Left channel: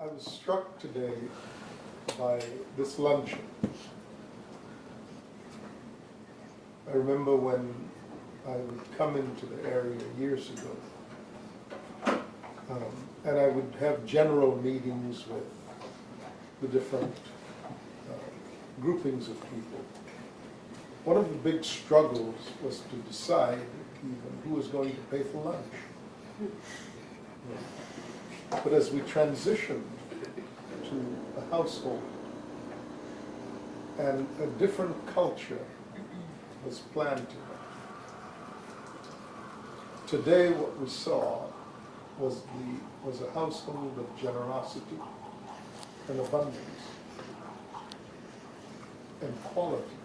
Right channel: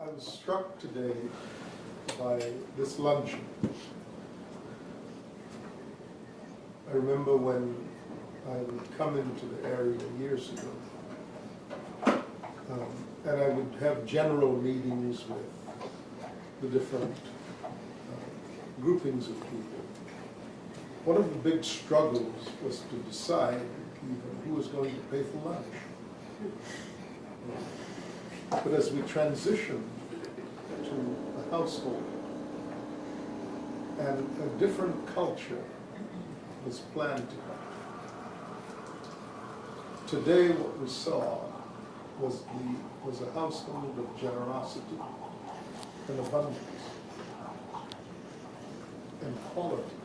I was struck today by this luncheon. I remember when I would come into the area years ago, and I would have general meetings with the different groupings of people. One of the big struggles was to decide who was going to pay for lunch. But as we transitioned to a household, and a different culture was planted. Today what we saw was a household of generosity and abundance and quality.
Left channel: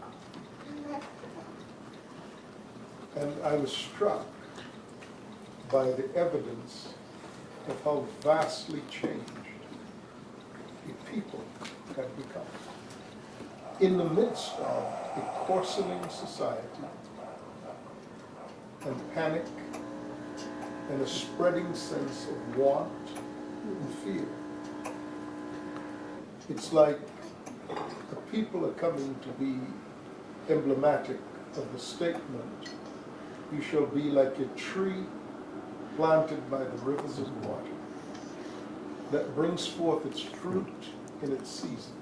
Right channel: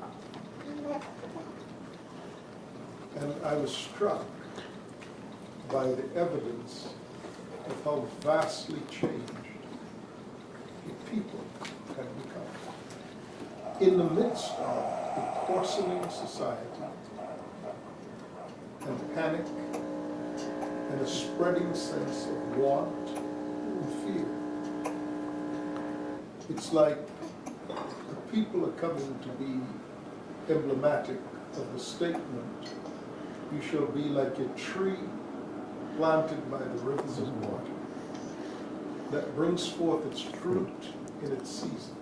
And I was struck by the evidence of how vastly changed a people had become. In the midst of a coarsening society and panic and a spreading sense of want and fear, it's like the people are coming to be emblematic of the statement, "You shall be like a tree planted by the rivers of water, that brings forth its fruit in its season,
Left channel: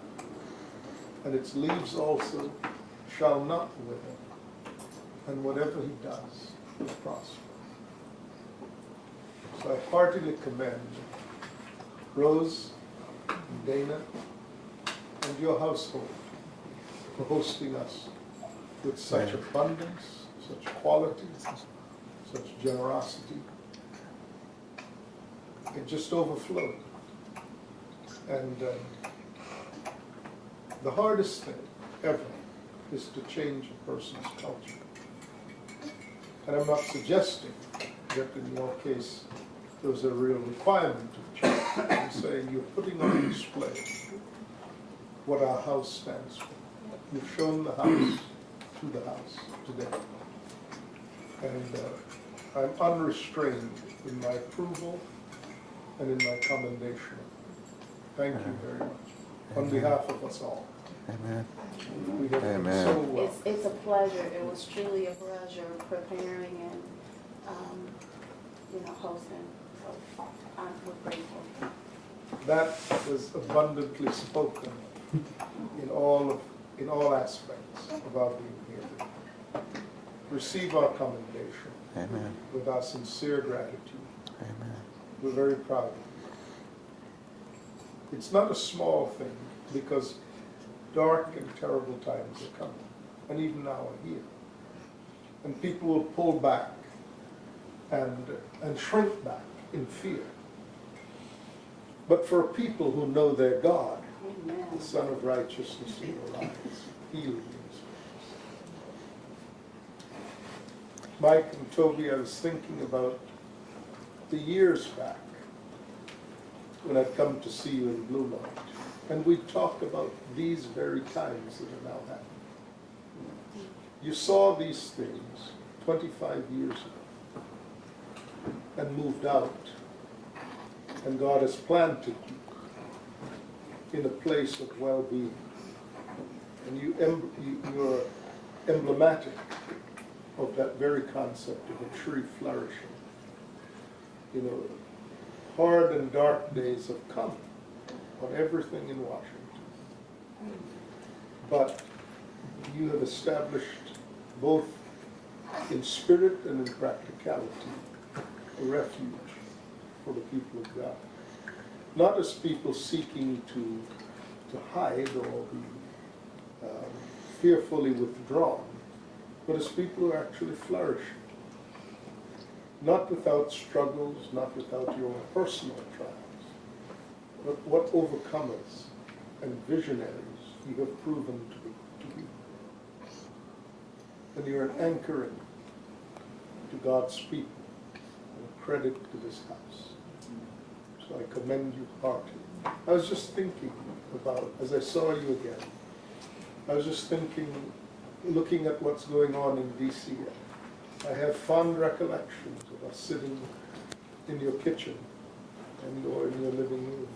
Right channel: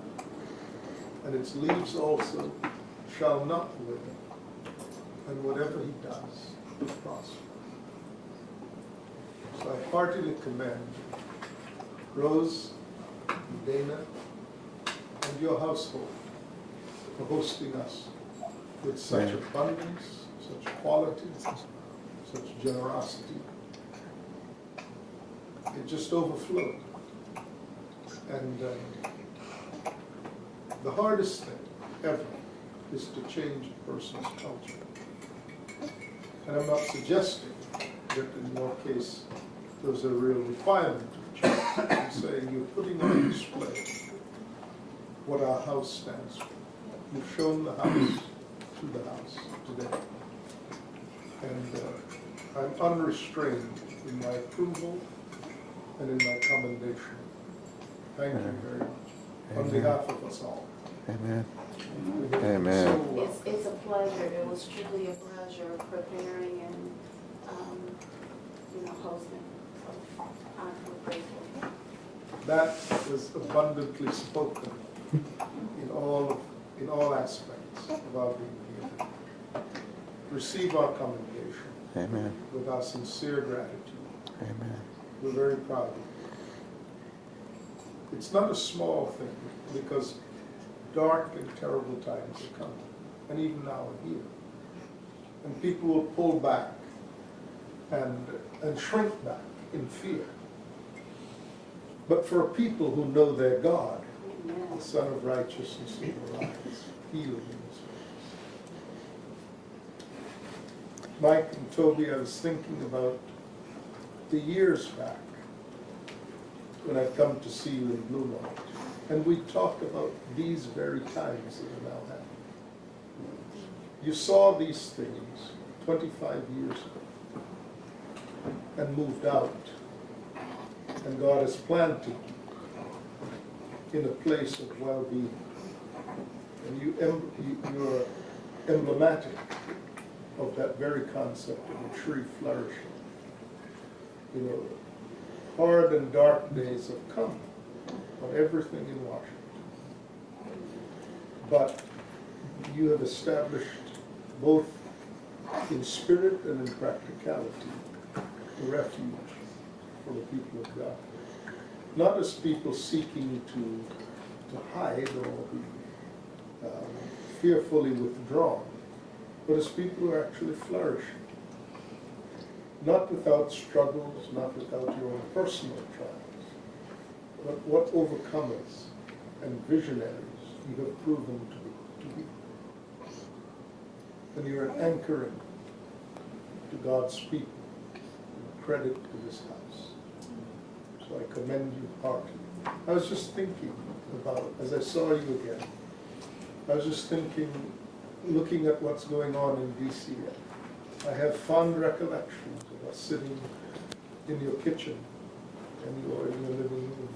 and its leaves also shall not wither, and whatever he does will prosper." So I heartily commend Rose and Dana and your household for hosting us with such abundance, such quality, such generosity. It just overflowed. And the hardest thing ever is to change a person's culture. And I'm not suggesting that in your case there's a real requirement of change. I'm saying you're putting on display what our house stands for. You've shown the house through the house today. And I'm unrestrained in my approval and in my commendation. Thank you very much. On behalf of us all. Amen. Amen. So it's a pleasure. It was truly a pleasure preparing and hosting. So I'm grateful. that was abundantly spoken in all aspects of our being here. Receive our commendation. Amen. With our sincere gratitude. Amen. We're very proud of you. It's not a small thing, because dark and terrible times are coming, and even now are here. And people will pull back and shrink back in fear. But for a people who know their God, the Son of Righteousness will arise, healing in His face. Mike and Toby, I was thinking about the years back when I'd come to see you in Blue Light, and we talked about these very times that are now happening. You saw these things 25 years ago and moved out, and God has planted you in a place of well-being, and you're emblematic of that very concept of a tree flourishing. Hard and dark days have come on everything in Washington. But you have established, both in spirit and in practicality, a refuge for the people of God. Not as people seeking to hide or be fearfully withdrawn, but as people who are actually flourishing. Not without struggles, not without your own personal trials, but what overcomers and visionaries you have proven to be. And you're an anchoring to God's people, and a credit to this house. So I commend you heartily. I was just thinking about, as I saw you again, I was just thinking, looking at what's going on in D.C., I have fond recollections of us sitting in your kitchen and in your living room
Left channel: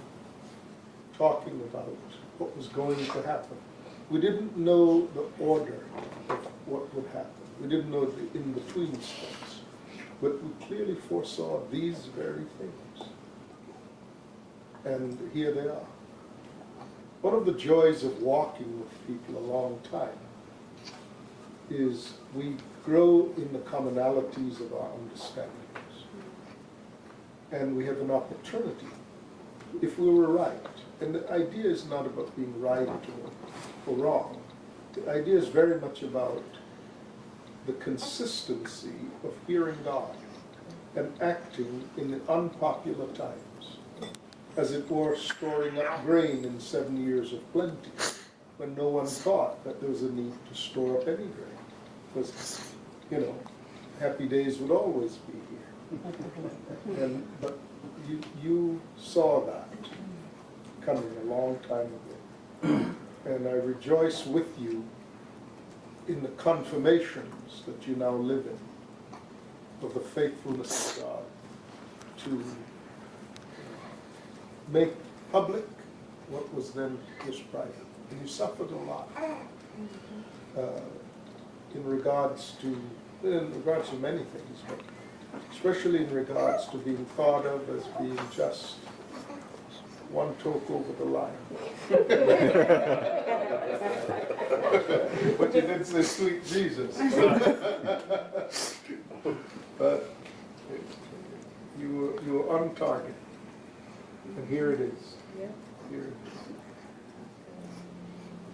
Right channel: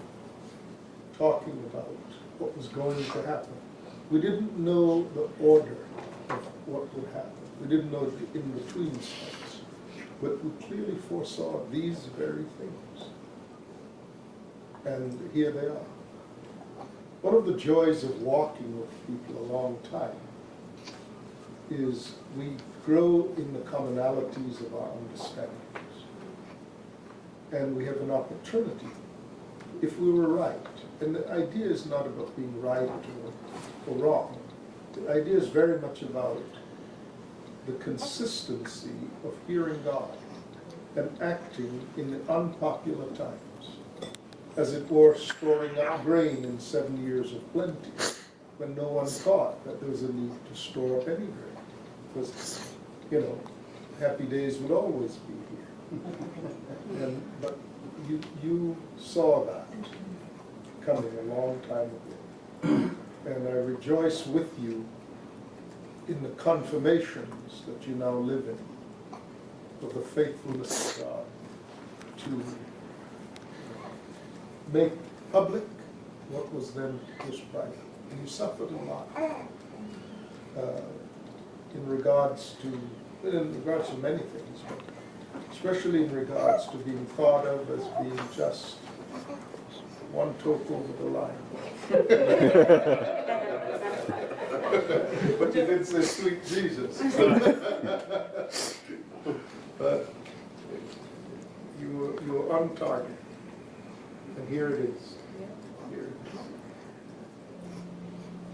what was going to happen. We didn't know the order of what would happen. We didn't know the in-between steps. But we clearly foresaw these very things. And here they are. One of the joys of walking with people a long time is we grow in the commonalities of our understandings. And we have an opportunity, if we were right. And the idea is not about being right or wrong. The idea is very much about the consistency of hearing God and acting in the unpopular times. As it were, storing up grain in 7 years of plenty, when no one thought that there was a need to store up any grain. Because, happy days would always be here. But you saw that coming a long time ago. And I rejoice with you in the confirmations that you now live in of the faithfulness of God to make public what was then just private. And you suffered a lot in regards to many things, but especially in regards to being thought of as being just one toke over the line. But you did say sweet Jesus. But you were on target. And here it is. Here it is.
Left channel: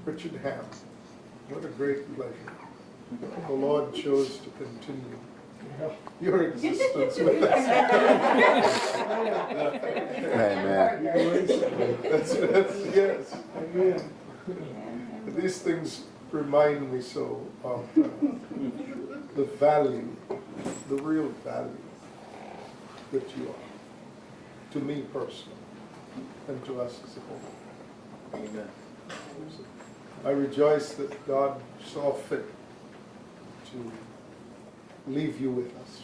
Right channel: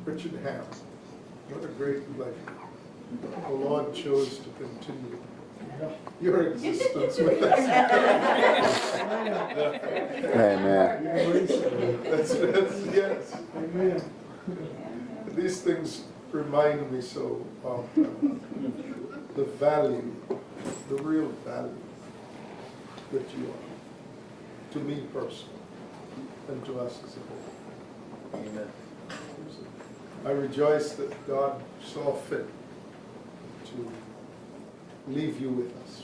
Richard Ham, what a great pleasure. The Lord chose to continue your existence with us. Amen. Yes. Amen. These things remind me so of the value, the real value that you are, to me personally, and to us as a whole. Amen. I rejoice that God saw fit to leave you with us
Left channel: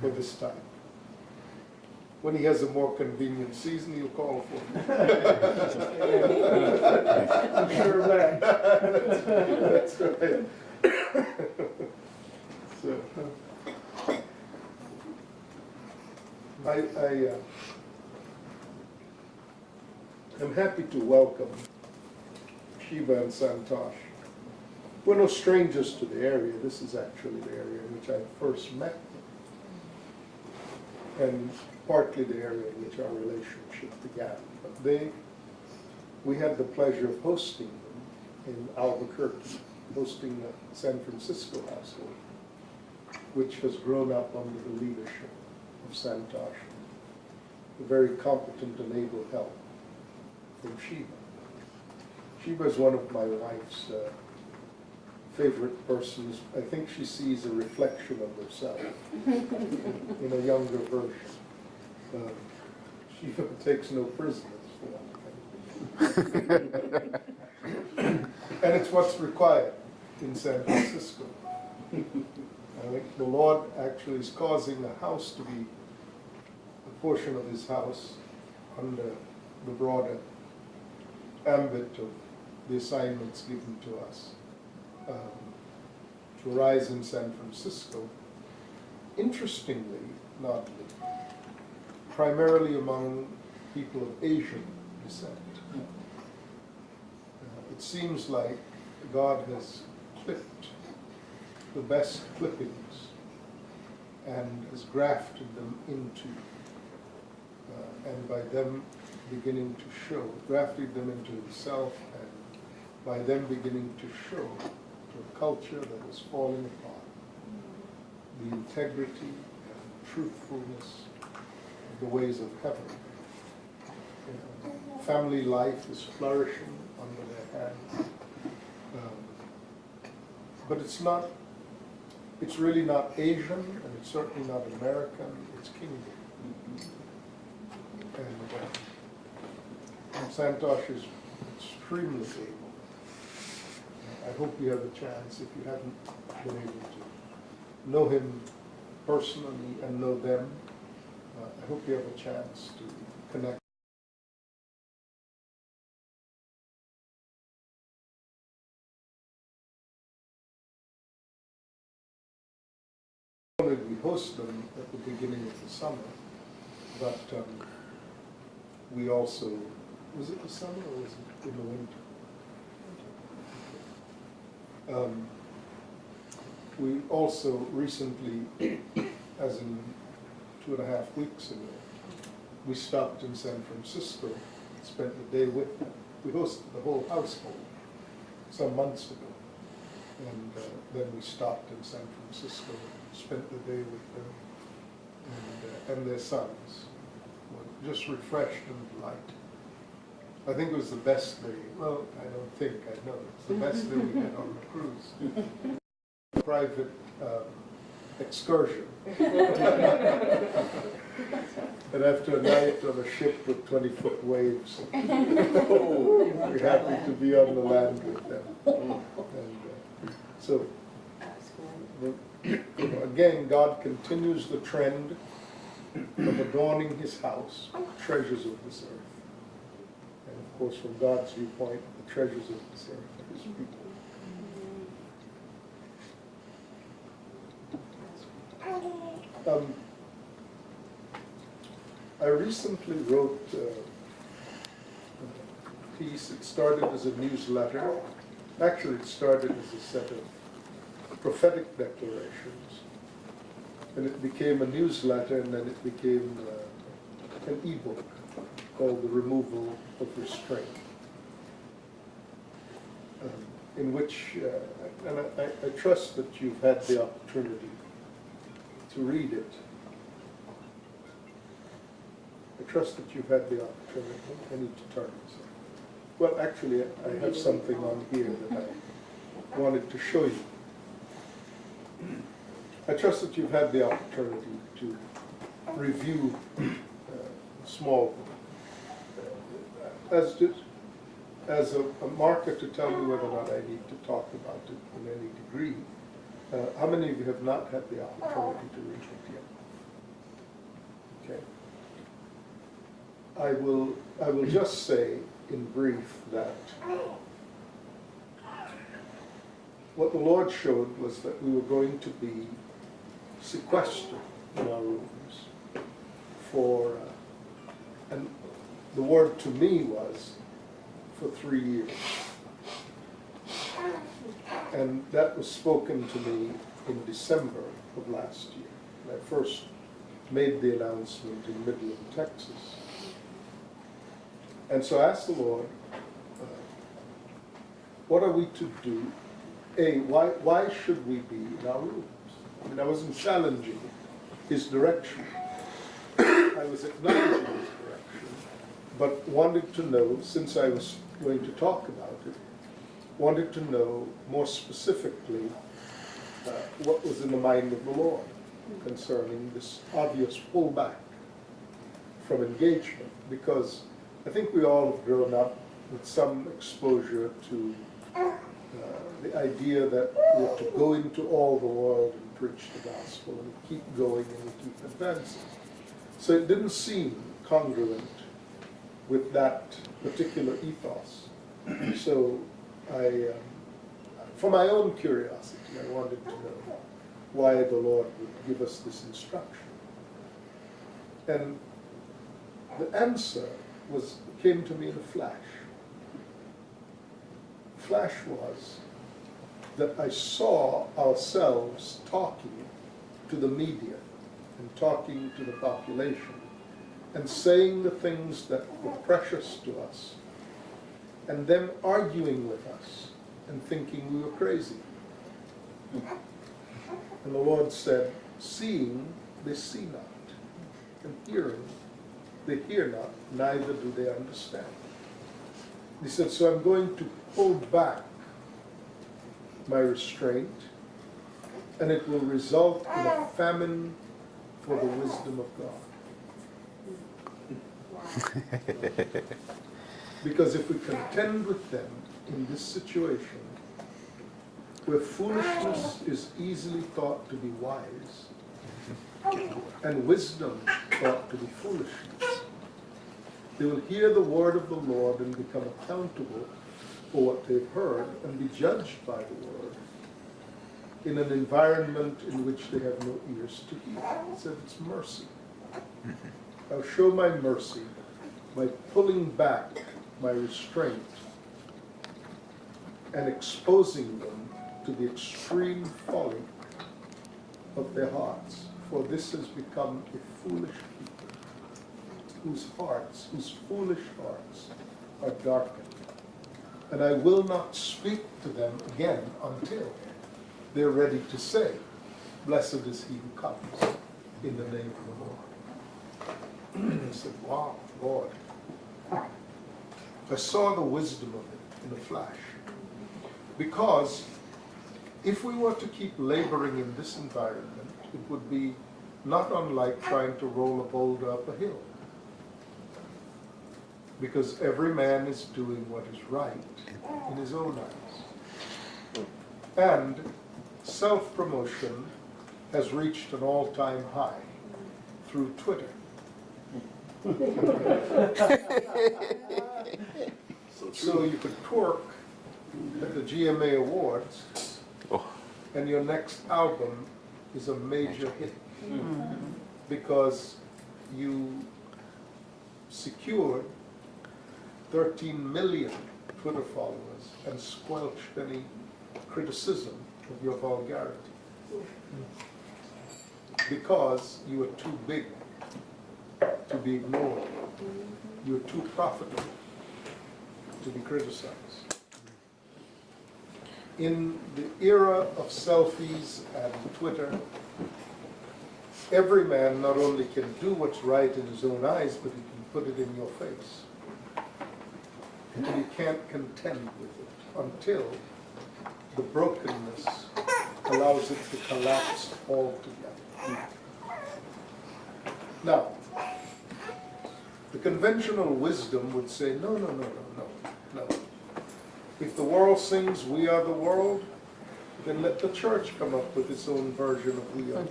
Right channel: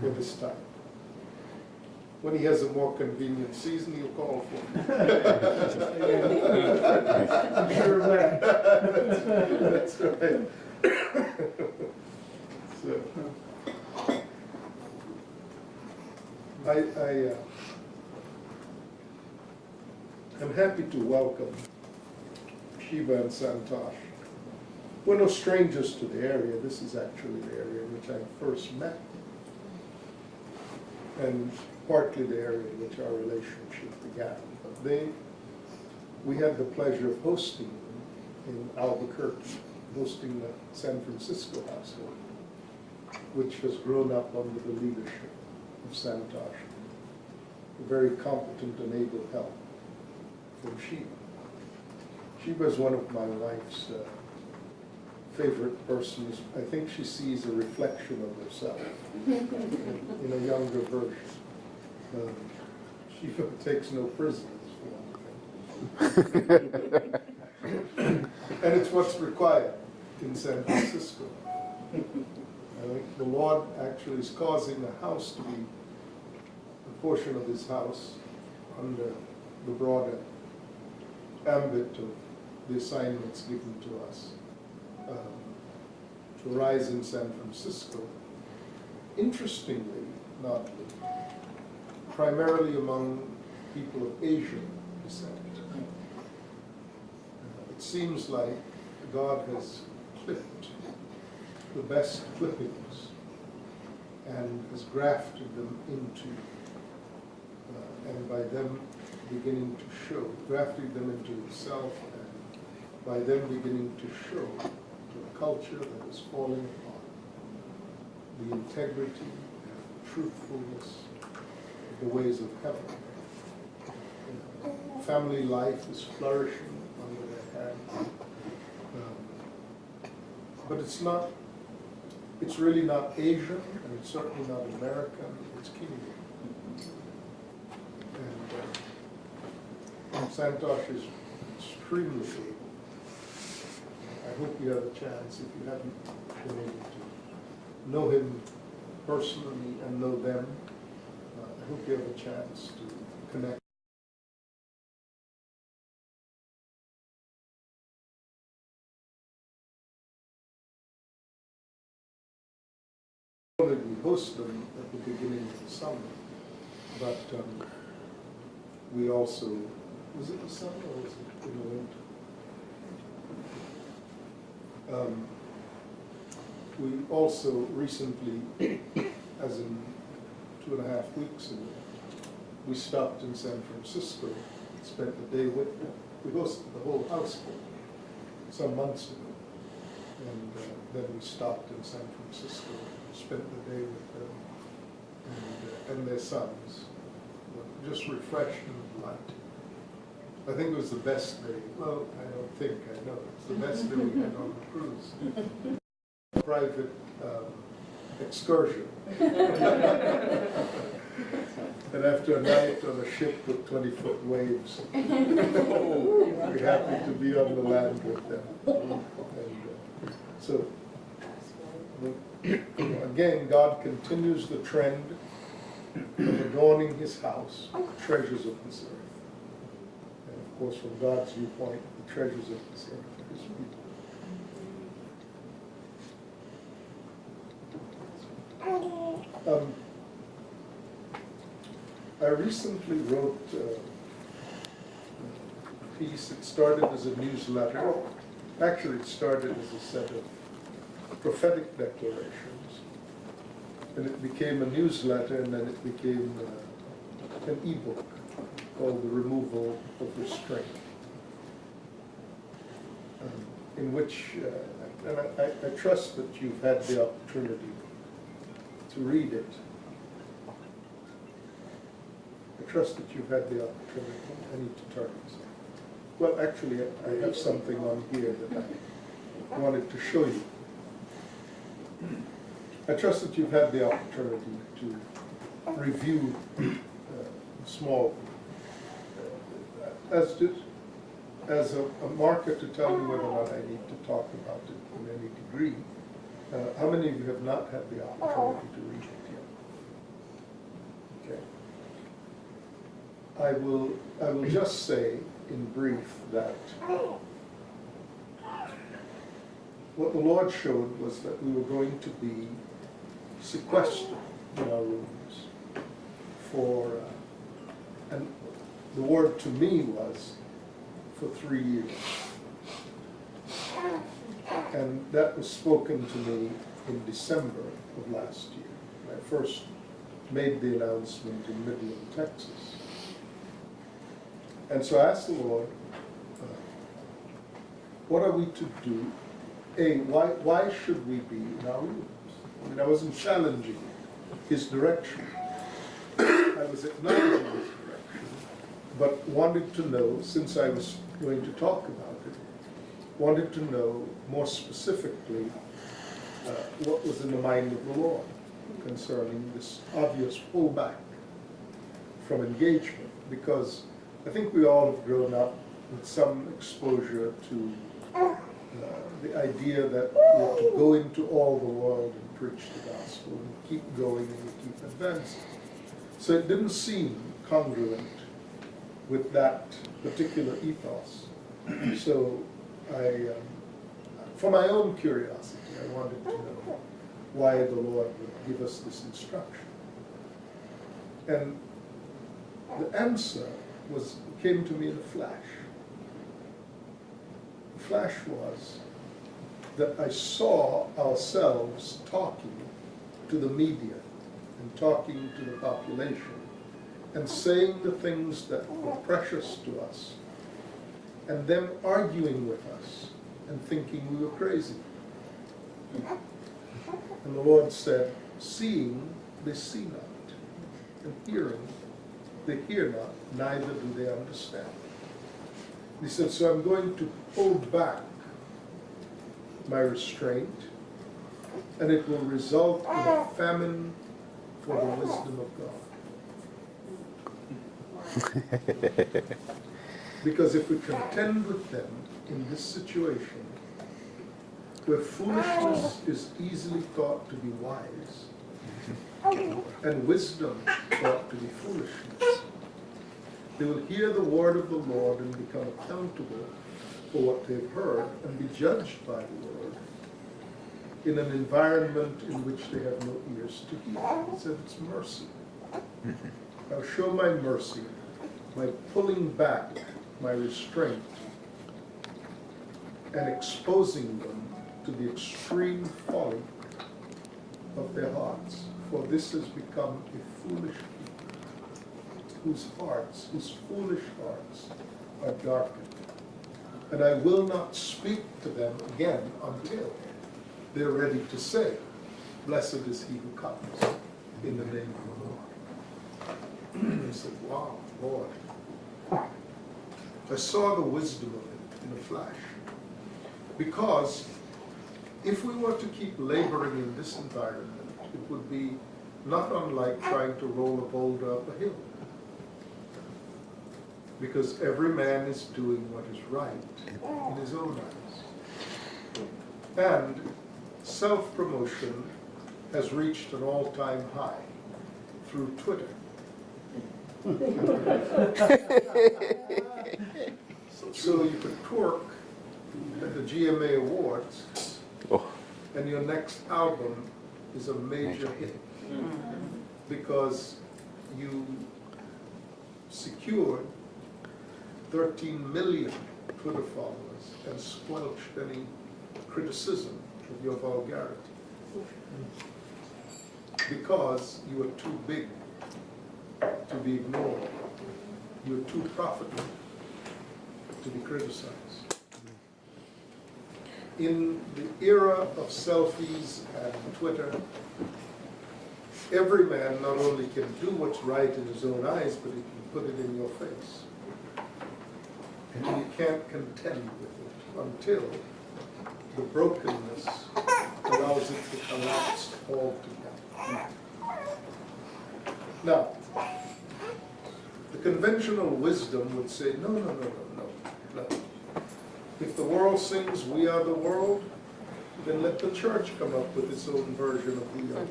for this time. When he has a more convenient season, he'll call for me. I'm sure of that. That's right. So, I'm happy to welcome Sheba and Santosh. We're no strangers to the area. This is actually the area in which I first met them, and partly the area in which our relationship began. But we had the pleasure of hosting them in Albuquerque, hosting the San Francisco household, which has grown up under the leadership of Santosh, a very competent and able help from Sheba. Sheba is one of my wife's favorite persons. I think she sees a reflection of herself in a younger version. Sheba takes no prisoners, for one thing. And it's what's required in San Francisco. I think the Lord actually is causing the house to be a portion of his house under the broader ambit of the assignments given to us to rise in San Francisco. Interestingly, primarily among people of Asian descent. It seems like God has clipped the best clippings and has grafted them into, and by them beginning to show, grafted them into himself, and by them beginning to show the culture that is falling apart, the integrity and truthfulness of the ways of heaven. Family life is flourishing under their hands. But it's really not Asian, and it's certainly not American, it's kingdom. And Santosh is extremely able. I hope you have a chance, if you haven't been able to know him personally and know them, I hope you have a chance to connect We host them at the beginning of the summer, but we also, was it the summer or was it in the winter? We also recently, as in 2.5 weeks ago, we stopped in San Francisco, spent the day with them. We hosted the whole household some months ago. And then we stopped in San Francisco, spent the day with them and their sons. Just refreshed and delighted. I think it was the best day. Well, I don't think, I know. It's the best day we had on the cruise. Private excursion. And after a night on a ship with 20-foot waves, we're happy to be on the land with them. And so, again, God continues the trend of adorning His house, treasures of this earth. And of course, from God's viewpoint, the treasures of this earth are His people. I recently wrote a piece. It started as a newsletter. Actually, it started as a set of prophetic declarations, and it became a newsletter, and then it became an e-book called The Removal of Restraint, in which, and I trust that you've had the opportunity to read it. I trust that you've had the opportunity. I need to turn this. Well, actually, I have something on here that I wanted to show you. I trust that you've had the opportunity to review small, as a marker to tell me whether or not I need to talk about it in any degree. How many of you have not had the opportunity to read it yet? Okay. I will just say in brief that what the Lord showed was that we were going to be sequestered in our rooms for, and the word to me was for 3 years. And that was spoken to me in December of last year. When I first made the announcement in Midland, Texas. And so I asked the Lord, what are we to do? Why should we be in our rooms? I mean, I wasn't challenging His direction. I was acknowledging His direction, but wanted to know, since I was going to talk about it, wanted to know more specifically what was in the mind of the Lord concerning this obvious pullback from engagement, because I think we all have grown up with some exposure to the idea that we have to go into all the world and preach the gospel and keep going and keep advancing. So it didn't seem congruent with that particular ethos. So for my own curiosity, I wanted to know why the Lord would give us this instruction. And the answer came to me in a flash. The flash was that I saw ourselves talking to the media and talking to the population and saying the things that were precious to us, and them arguing with us and thinking we were crazy. And the Lord said, seeing, they see not, and hearing, they hear not, neither do they understand. He said, so I'm going to pull back my restraint, and it will result in a famine for the wisdom of God. Because if we contend with them in this situation, where foolishness is easily thought to be wise, and wisdom thought to be foolishness, they will hear the word of the Lord and become accountable for what they've heard and be judged by the word. in an environment in which they have no ears to hear. He said it's mercy. I'll show my mercy by pulling back my restraint and exposing them to the extreme folly of their hearts. For this has become a foolish people, whose foolish hearts are darkened. And I will not speak to them again until they're ready to say, blessed is he who comes in the name of the Lord. I said, wow, Lord. I saw the wisdom of it in a flash. Because if we were to keep laboring in this environment, it would be not unlike trying to roll a boulder up a hill. Because every man is doing what is right in his own eyes. And self-promotion has reached an all-time high through Twitter. So you could twerk at the GMA Awards, and your next album is a major hit because you secured 13 million Twitter followers and squelched any criticism of your vulgarity because you were too big to be ignored. You were too profitable to be criticized. In the era of selfies and Twitter, every man not only can do what's right in his own eyes, but he can put it in your face. And you can't contend with it until the brokenness allows it to collapse altogether. Now, the conventional wisdom would say, no. If the world sings "We Are the World," then let the church come up with its own version of "We Are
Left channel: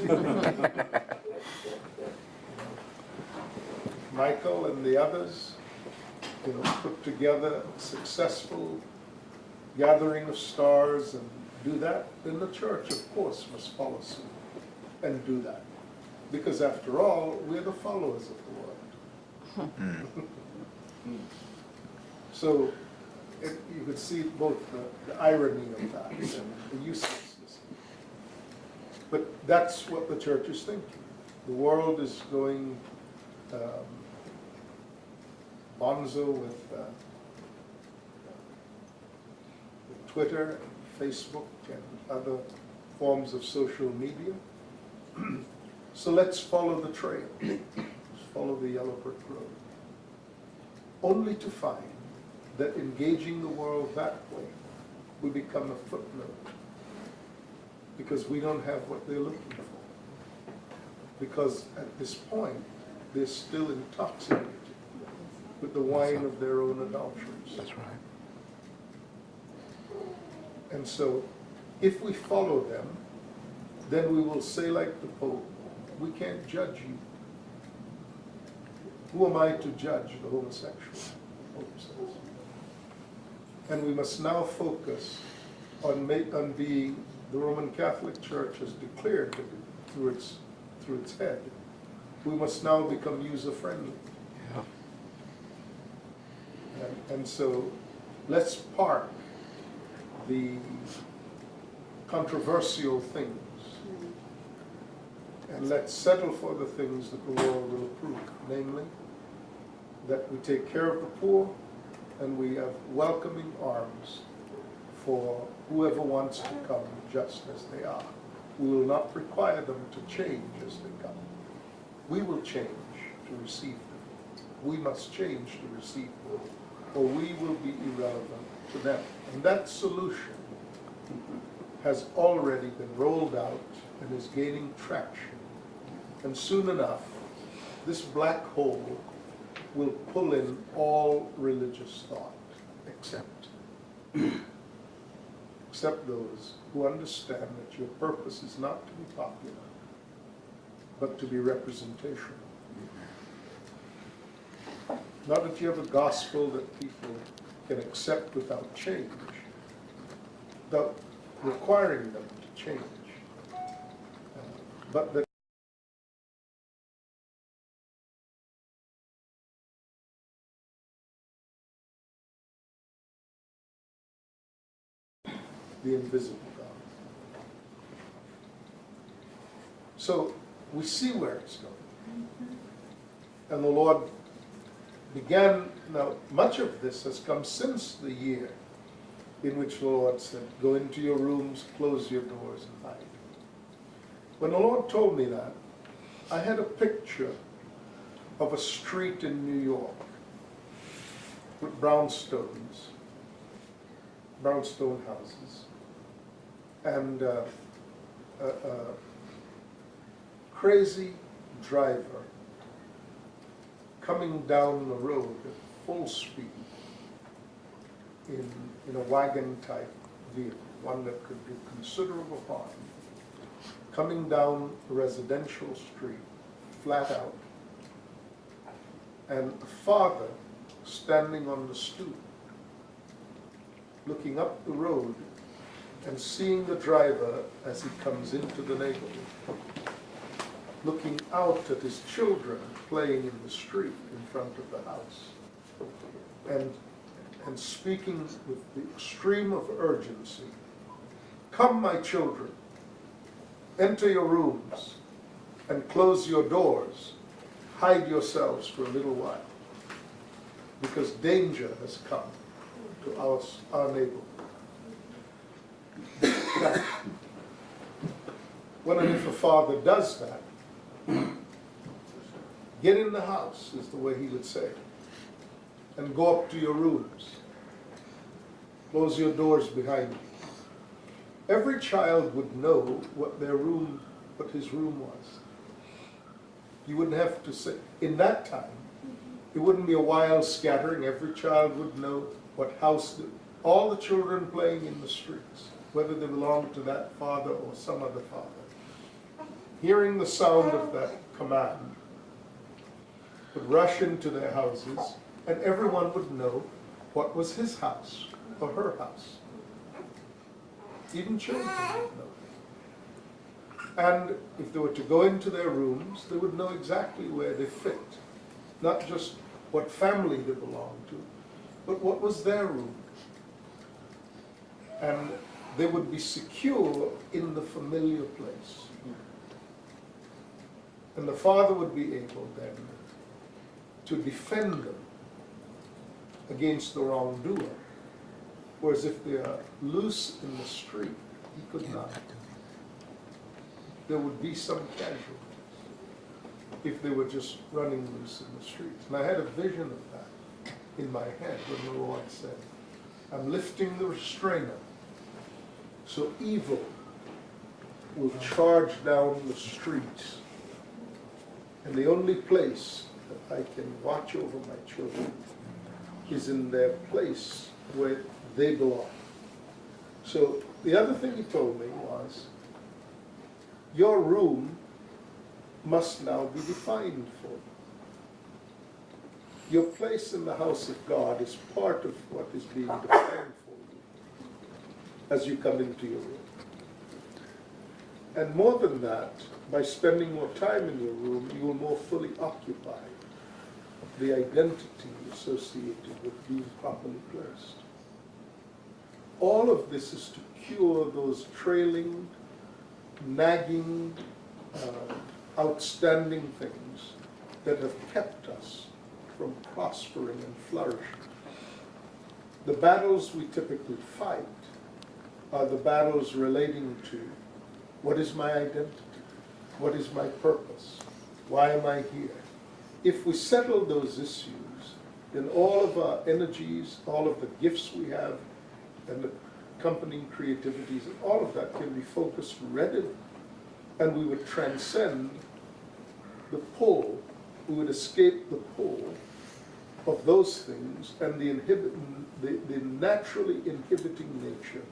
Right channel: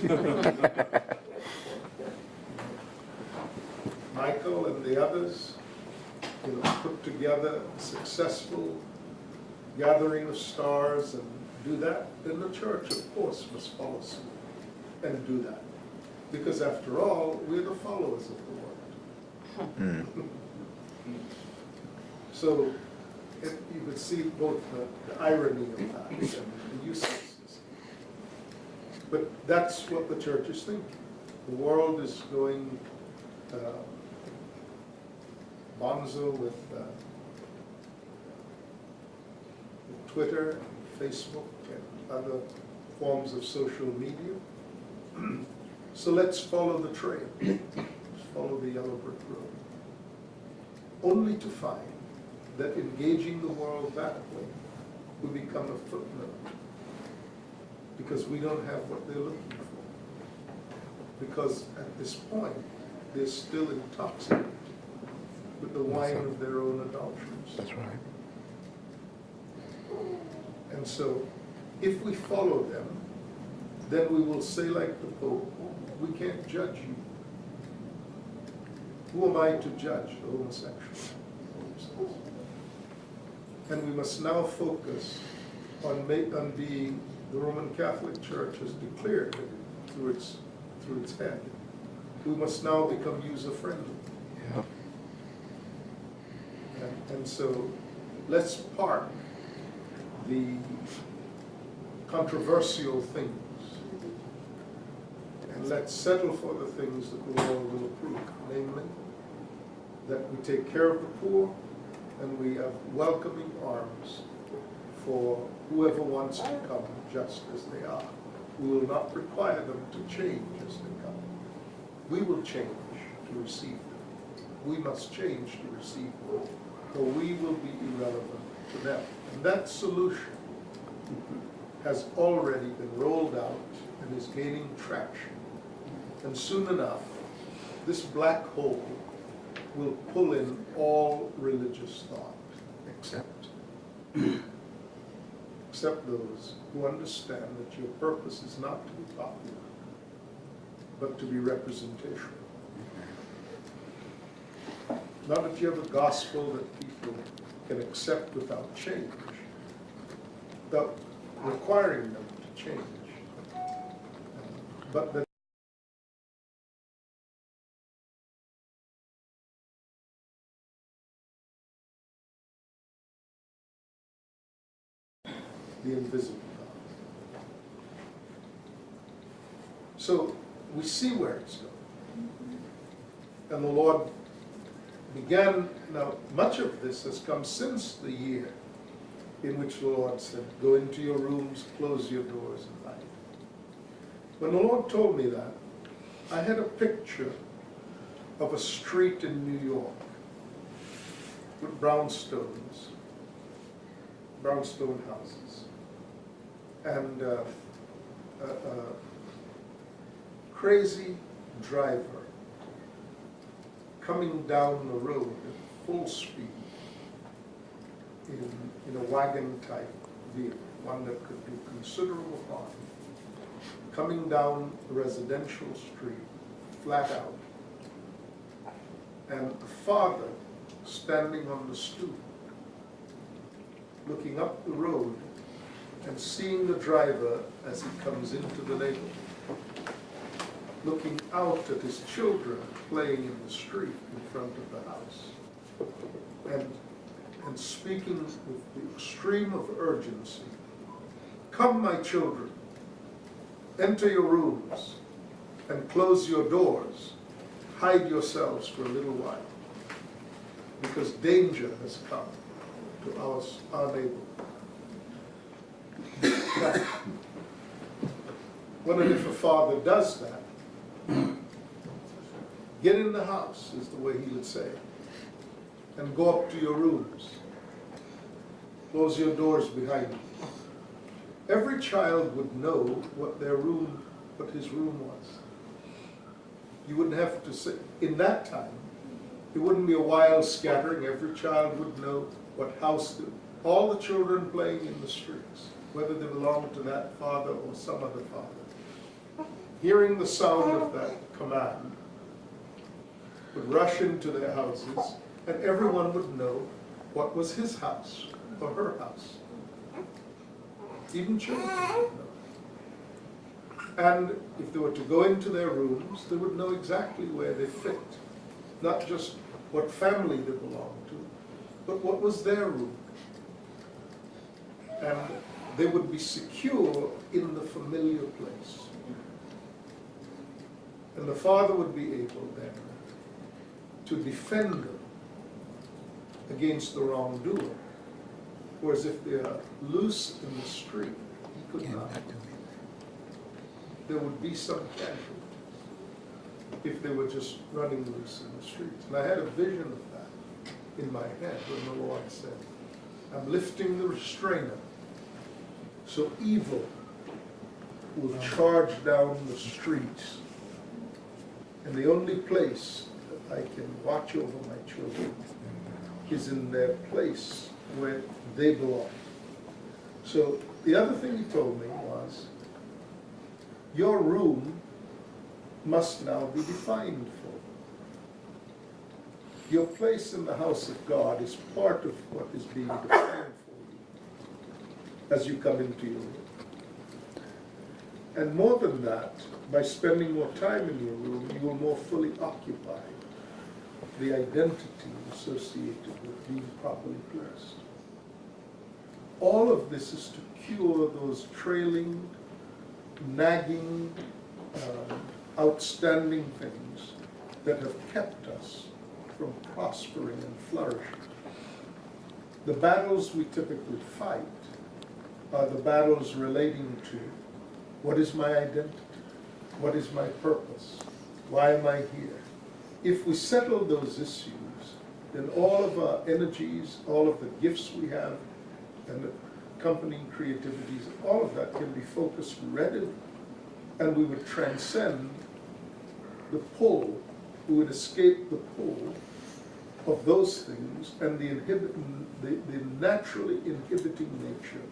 the World." Michael and the others, put together a successful gathering of stars and do that, then the church, of course, must follow suit and do that. Because after all, we're the followers of the Lord. So you could see both the irony of that and the uselessness. But that's what the church is thinking. The world is going bonzo with Twitter and Facebook and other forms of social media. So let's follow the trail. Follow the yellow brick road. Only to find that engaging the world that way will become a footnote. Because we don't have what they're looking for. Because at this point, they're still intoxicated with the wine of their own adulteries. That's right. And so, if we follow them, then we will say like the Pope, we can't judge you. Who am I to judge the homosexual? And we must now focus on being, the Roman Catholic Church has declared through its head, we must now become user-friendly. Yeah. And so let's park the controversial things and let's settle for the things that the world will approve, namely that we take care of the poor and we have welcoming arms for whoever wants to come just as they are. We will not require them to change as they come. We will change to receive them. We must change to receive them, or we will be irrelevant to them. And that solution has already been rolled out and is gaining traction. And soon enough, this black hole will pull in all religious thought, except those who understand that your purpose is not to be popular, but to be representational. Not if you have a gospel that people can accept without change, without requiring them to change. But the invisible God. So we see where it's going. And the Lord began, now much of this has come since the year in which the Lord said, go into your rooms, close your doors and hide. When the Lord told me that, I had a picture of a street in New York with brownstone houses, and a crazy driver coming down the road at full speed in a wagon-type vehicle, one that could do considerable harm, coming down a residential street, flat out, and a father standing on the stoop, looking up the road and seeing the driver as he comes into the neighborhood, looking out at his children playing in the street in front of the house, and speaking with the extreme of urgency, come, my children, enter your rooms and close your doors, hide yourselves for a little while, because danger has come to our neighborhood. Wonder if a father does that, get in the house, is the way he would say, and go up to your rooms. Close your doors behind you. Every child would know what his room was. You wouldn't have to say, in that time, it wouldn't be a wild scattering. Every child would know what house, all the children playing in the streets, whether they belonged to that father or some other father, hearing the sound of that command, would rush into their houses, and everyone would know what was his house or her house. Even children would know. And if they were to go into their rooms, they would know exactly where they fit. Not just what family they belonged to, but what was their room. And they would be secure in the familiar place. And the father would be able then to defend them against the wrongdoer. Whereas if they are loose in the street, he could not. There would be some casualties if they were just running loose in the streets. And I had a vision of that in my head when the Lord said, I'm lifting the restrainer so evil will charge down the streets. And the only place that I can watch over my children is in their place where they belong. So the other thing he told me was, your room must now be defined for. Your place in the house of God is part of what is being defined for you as you come into your room. And more than that, by spending more time in your room, you will more fully occupy the identity associated with being properly placed. All of this is to cure those trailing, nagging, outstanding things that have kept us from prospering and flourishing. The battles we typically fight are the battles relating to what is my identity, what is my purpose, why am I here? If we settle those issues, then all of our energies, all of the gifts we have, and the accompanying creativities, all of that can be focused readily, and we would transcend the pull, we would escape the pull of those things and the naturally inhibiting nature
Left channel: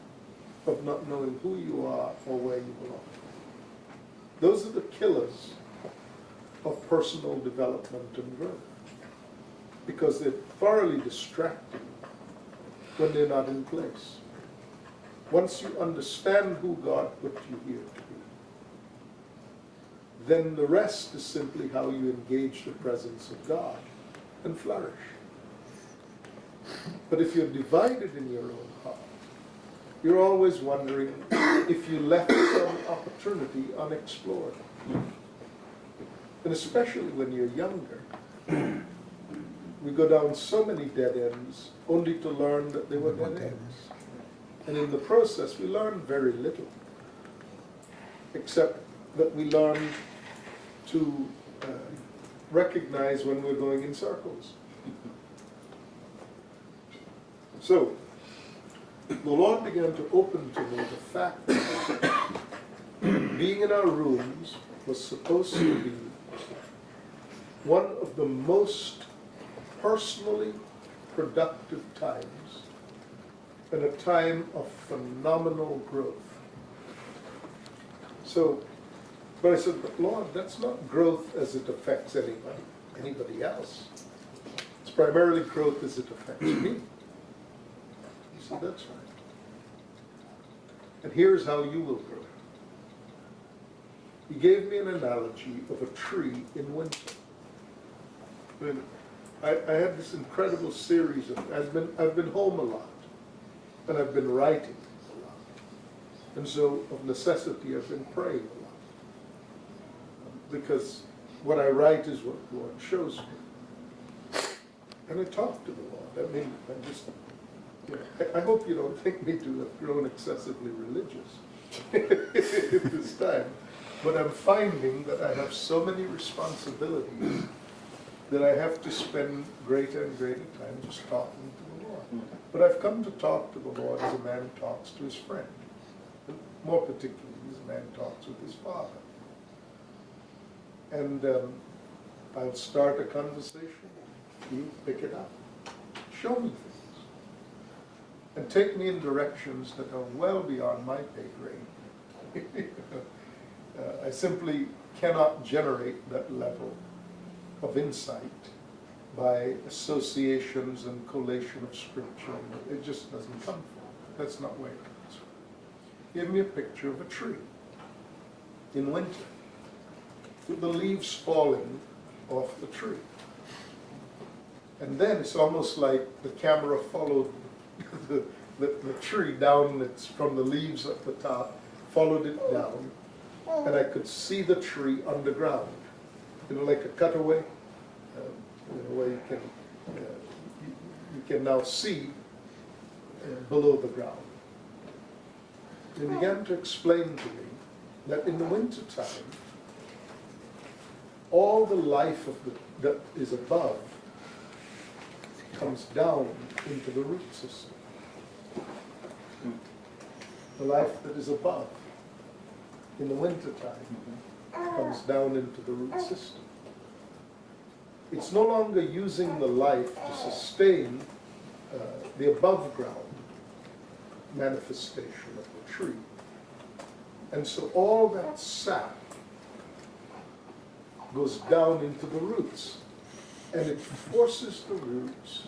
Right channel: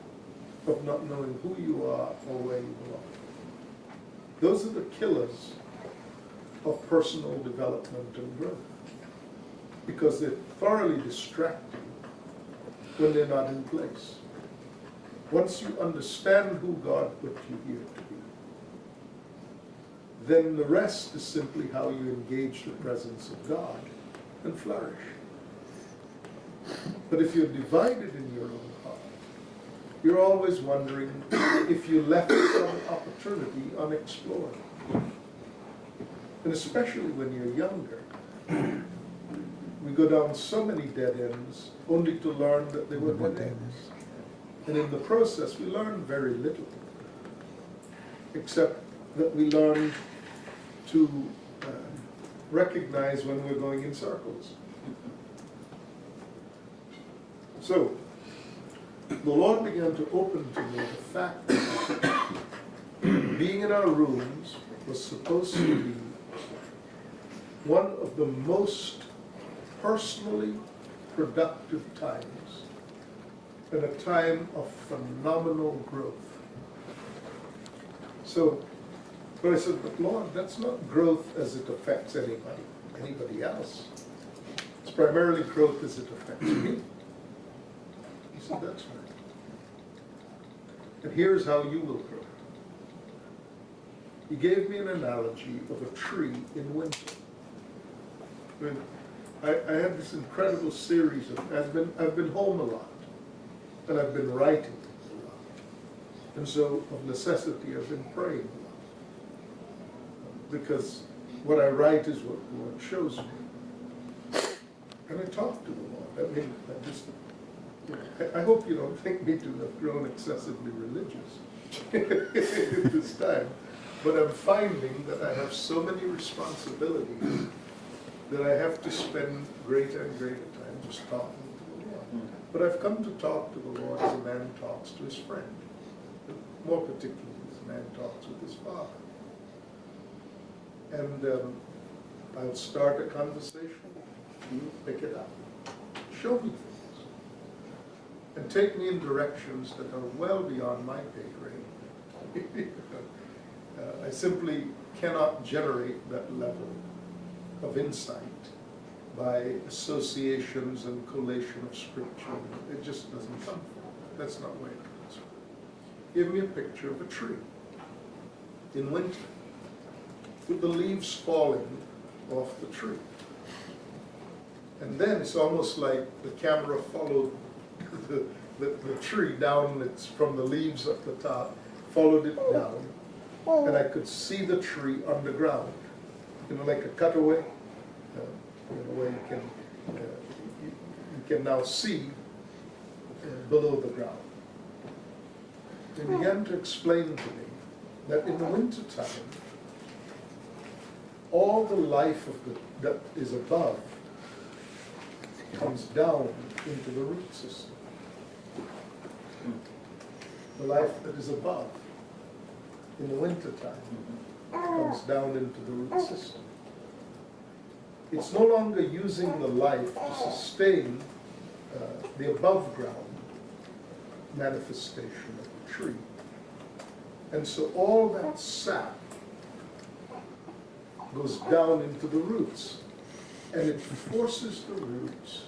of not knowing who you are or where you belong. Those are the killers of personal development and growth, because they're thoroughly distracting when they're not in place. once you understand who God put you here to be, then the rest is simply how you engage the presence of God and flourish. But if you're divided in your own heart, you're always wondering if you left some opportunity unexplored. And especially when you're younger, we go down so many dead ends only to learn that they were dead ends. And in the process, we learn very little, except that we learn to recognize when we're going in circles. So, the Lord began to open to me the fact that being in our rooms was supposed to be one of the most personally productive times and a time of phenomenal growth. So, but I said, but Lord, that's not growth as it affects anybody else. It's primarily growth as it affects me. He said, that's right. And here's how you will grow. He gave me an analogy of a tree in winter. I had this incredible series of, I've been home a lot, and I've been writing a lot. And so, of necessity, I've been praying a lot. Because what I write is what the Lord shows me. And I talk to the Lord. I mean, I hope you don't think me to have grown excessively religious at this time. But I'm finding that I have so many responsibilities that I have to spend greater and greater time just talking to the Lord. But I've come to talk to the Lord as a man talks to his friend. More particularly, as a man talks with his father. And I'll start a conversation. You pick it up. Show me things. And take me in directions that are well beyond my pay grade. I simply cannot generate that level of insight by associations and collation of scripture. It just doesn't come from it. That's not where it comes from. Give me a picture of a tree in winter with the leaves falling off the tree. And then it's almost like the camera followed the tree down, it's from the leaves at the top, followed it down, and I could see the tree underground. Like a cutaway, where you can now see below the ground. He began to explain to me that in the winter time, all the life that is above comes down into the root system. The life that is above in the winter time comes down into the root system. It's no longer using the life to sustain the above ground manifestation of the tree. And so all that sap goes down into the roots, and it forces the roots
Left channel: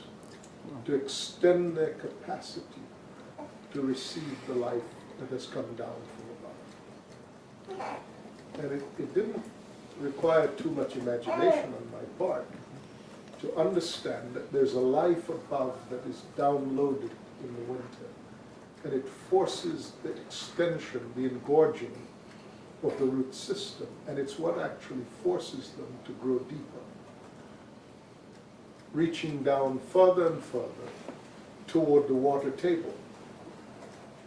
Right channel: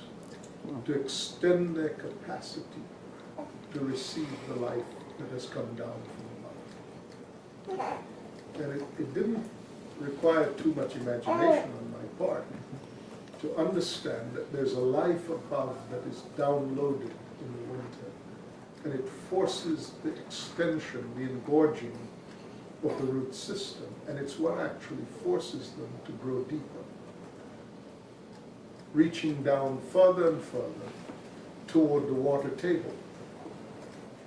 to extend their capacity to receive the life that has come down from above. And it didn't require too much imagination on my part to understand that there's a life above that is downloaded in the winter, and it forces the extension, the engorging of the root system, and it's what actually forces them to grow deeper, reaching down further and further toward the water table.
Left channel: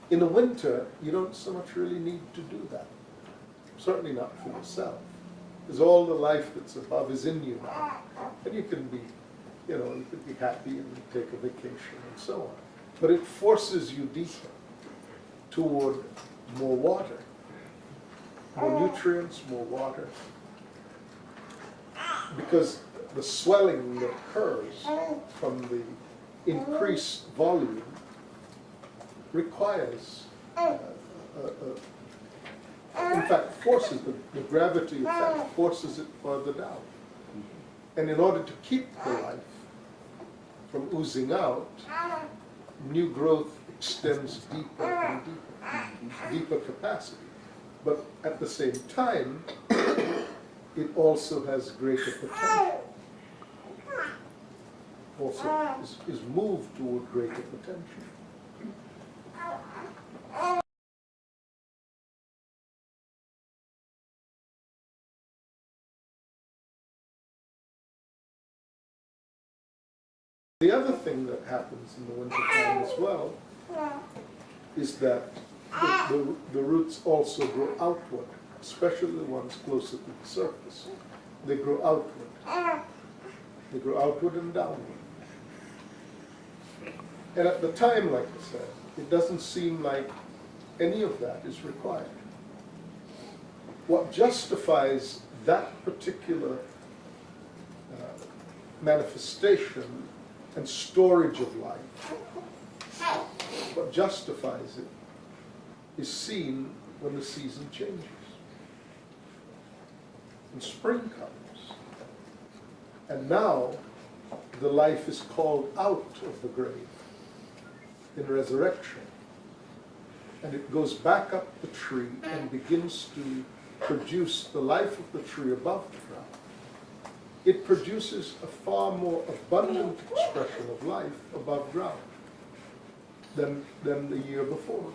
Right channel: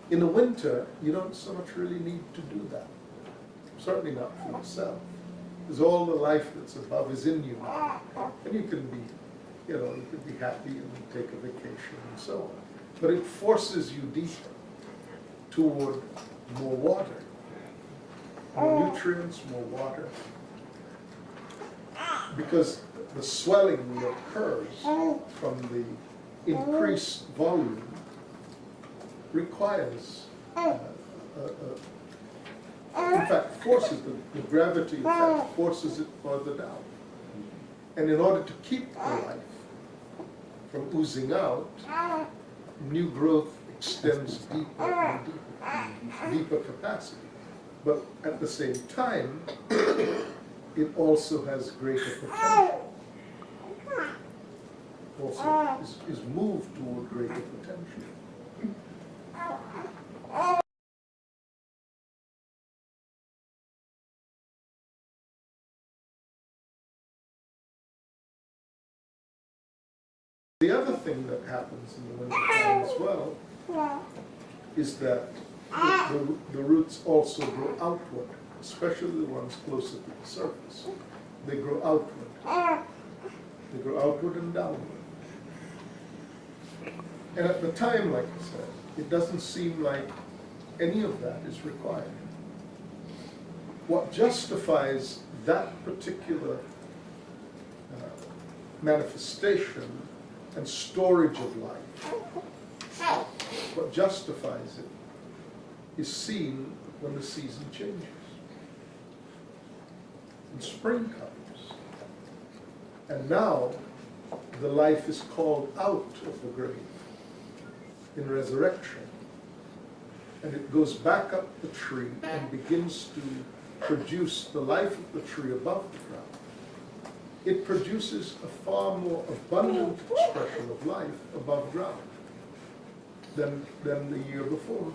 In the winter, you don't so much really need to do that. Certainly not for yourself, because all the life that's above is in you now. And you can be, you can be happy and take a vacation and so on. But it forces you deeper toward more water, more nutrients, more water. Because the swelling that occurs from the increased volume requires in fact, forces the gravity effect forces it further down. And in order to keep the life from oozing out, new growth extends deeper and deeper capacity. But at the same time, it also has greater potential. Also is moved toward greater potential. The other thing that happens in the wintertime as well is that the roots also grow outward, especially the ones closer to the surface. They grow outward. They grow outward and downward. And at the time, like I said, it doesn't seem like any of that is required. What justifies that particular manifestation and storage of life, what justifies it, is seen when the season changes. And spring comes. And now the life is called out of the grave in resurrection. And it goes back up the tree and begins to produce the life of the tree above the ground. It produces a far more abundant expression of life above ground than the year before.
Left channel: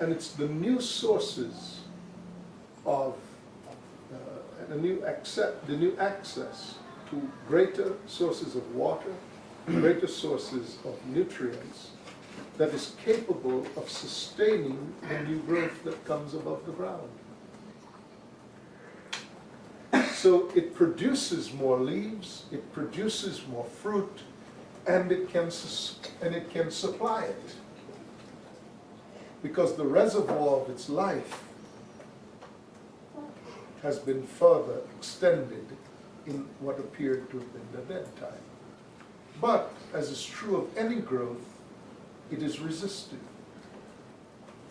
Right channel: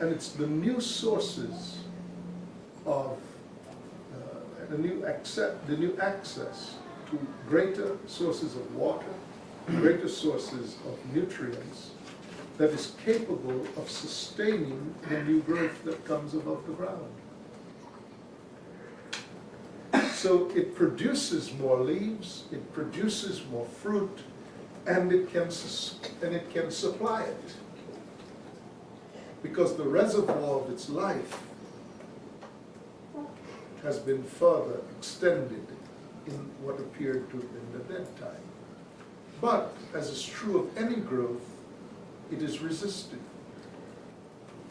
And it's the new sources of the new access to greater sources of water, greater sources of nutrients that is capable of sustaining the new growth that comes above the ground. So it produces more leaves, it produces more fruit, and it can supply it, because the reservoir of its life has been further extended in what appeared to have been the dead time. But, as is true of any growth, it is resisted.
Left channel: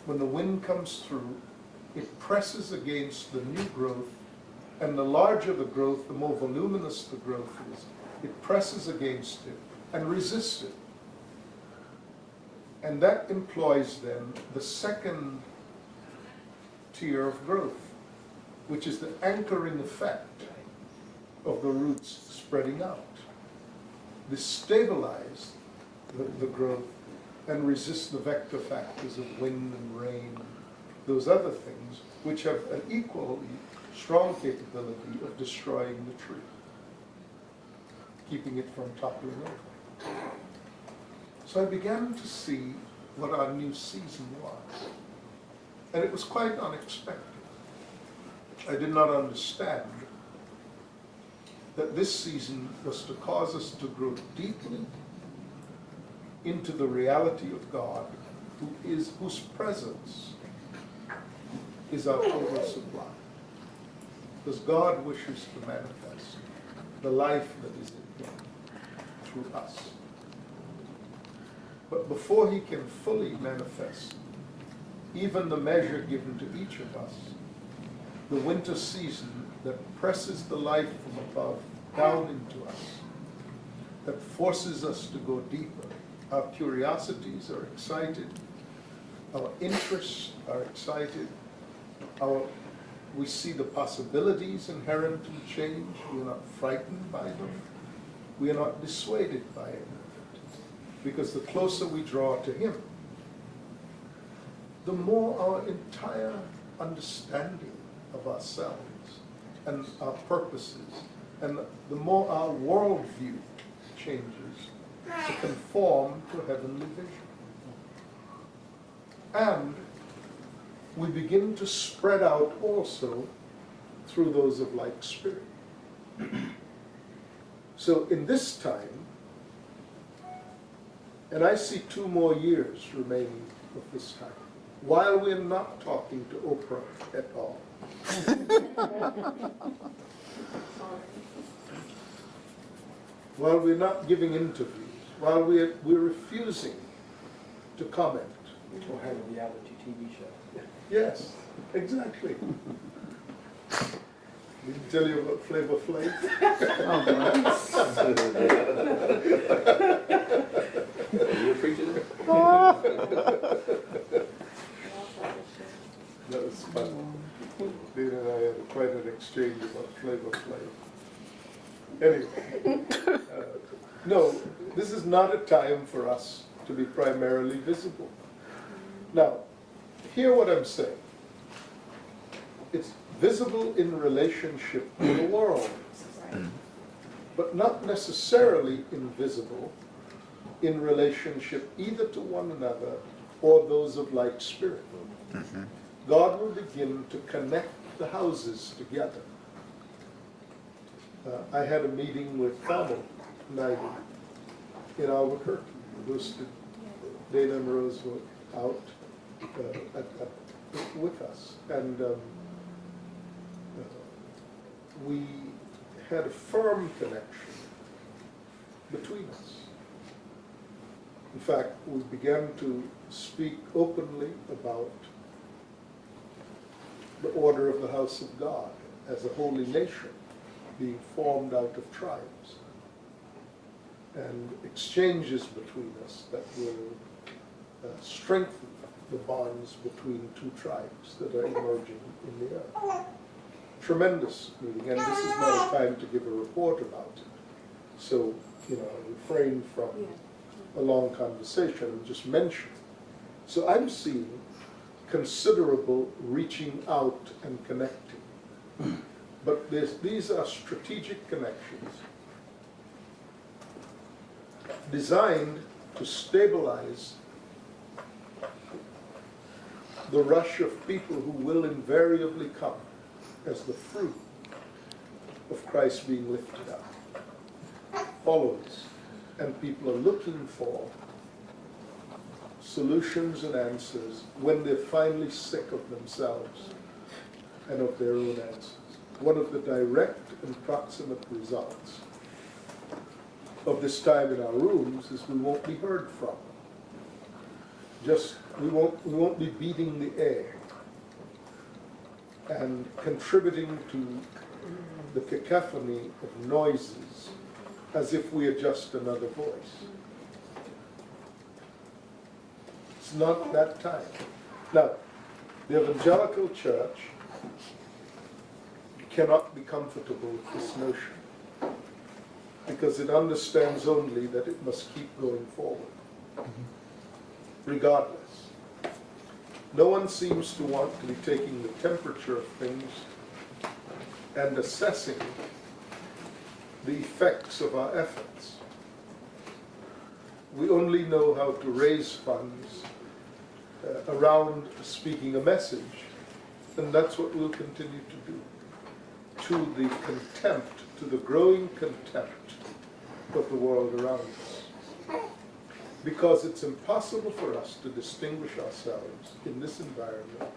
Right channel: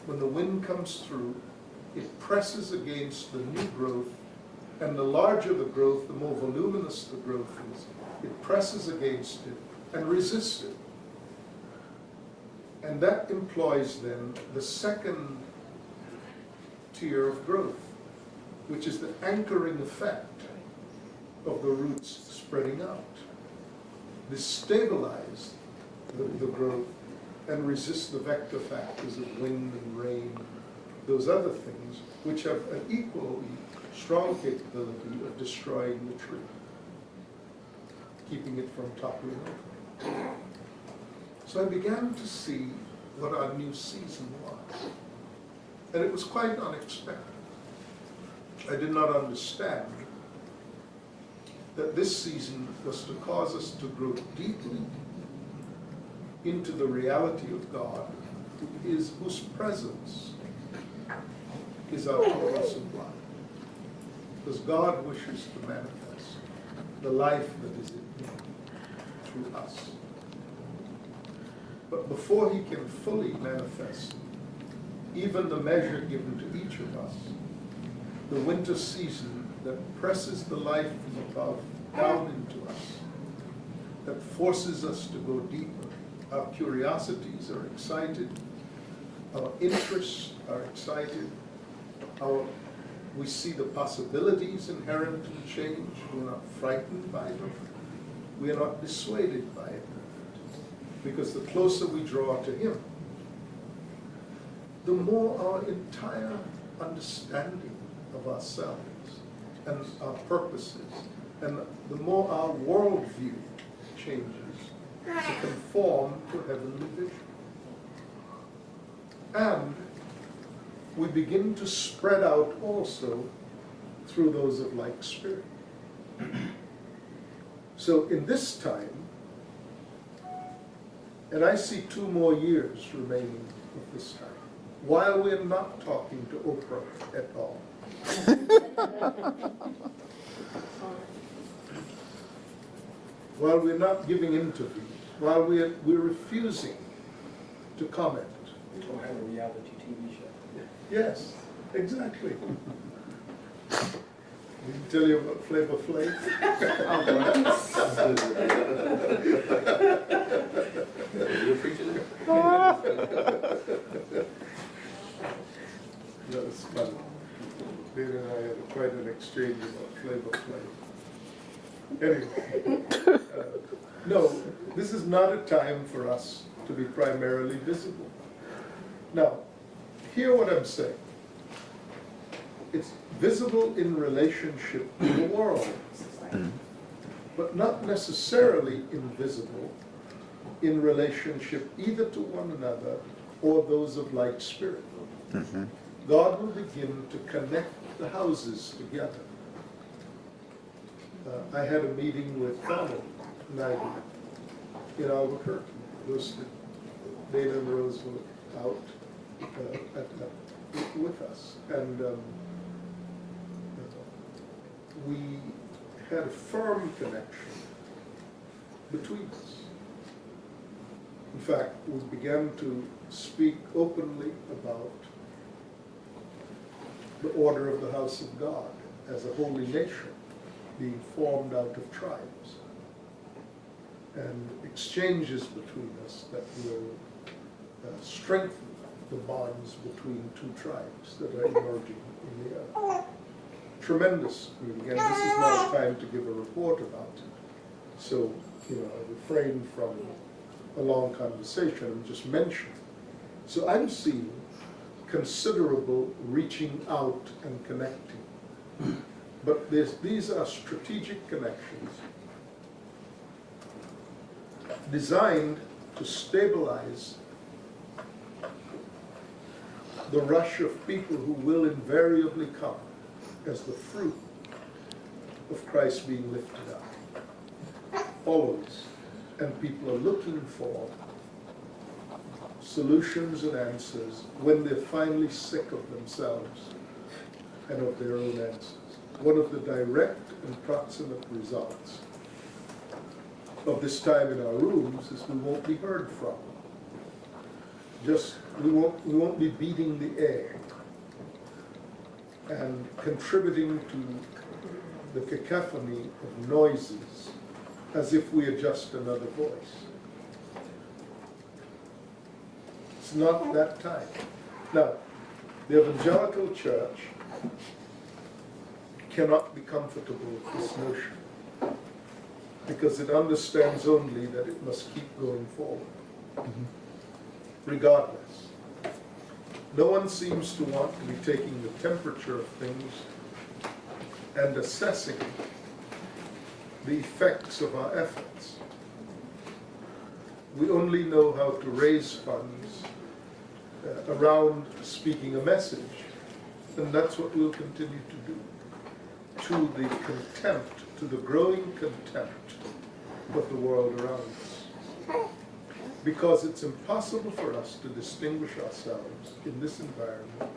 When the wind comes through, it presses against the new growth, and the larger the growth, the more voluminous the growth is, it presses against it and resists it. And that employs then the second tier of growth, which is the anchoring effect of the roots spreading out. This stabilizes the growth and resists the vector factors of wind and rain, those other things, which have an equally strong capability of destroying the tree, keeping it from toppling over. So I began to see what our new season was. And it was quite unexpected. I did not understand that this season was to cause us to grow deeply into the reality of God, whose presence is our total supply. Because God wishes to manifest the life that is in Him through us. But before He can fully manifest even the measure given to each of us, the winter season that presses the life from above down into us, that forces us to go deeper. Our curiosities are excited, our interests are excited, we see the possibilities inherent in change. We are not frightened by them. We are not dissuaded by it. Because the closer we draw to Him, the more our entire understanding of ourselves and our purposes, and the more our worldview changes to conform to heavenly vision. And we begin to spread out also through those of like spirit. So in this time, and I see 2 more years remaining of this time, while we're not talking to Oprah at all. While we're not giving interviews, while we're refusing to comment. Or have a reality TV show. Yes, exactly. Did he tell you about Flavor Flav? Flavor Flav. Anyway, no, this is not a time for us to be primarily visible. Now, hear what I'm saying. It's visible in relationship to the world, but not necessarily invisible in relationship either to one another or those of like spirit. God will begin to connect the houses together. I had a meeting with Carmel Naidu in Albuquerque. Boosted Dana and Rose were out with us, and we had a firm connection between us. In fact, we began to speak openly about the order of the house of God as a holy nation being formed out of tribes, and exchanges between us that will strengthen the bonds between two tribes that are emerging in the earth. Tremendous meeting, and this is not a time to give a report about it. So, I refrain from a long conversation and just mention. So I'm seeing considerable reaching out and connecting. But these are strategic connections designed to stabilize the rush of people who will invariably come as the fruit of Christ being lifted up. Followers, and people are looking for solutions and answers when they're finally sick of themselves and of their own answers. One of the direct and proximate results of this time in our rooms is we won't be heard from. We won't be beating the air and contributing to the cacophony of noises as if we are just another voice. It's not that time. Now, the evangelical church cannot be comfortable with this notion because it understands only that it must keep going forward, regardless. No one seems to want to be taking the temperature of things and assessing the effects of our efforts. We only know how to raise funds around speaking a message, and that's what we'll continue to do, to the contempt, to the growing contempt of the world around us. Because it's impossible for us to distinguish ourselves in this environment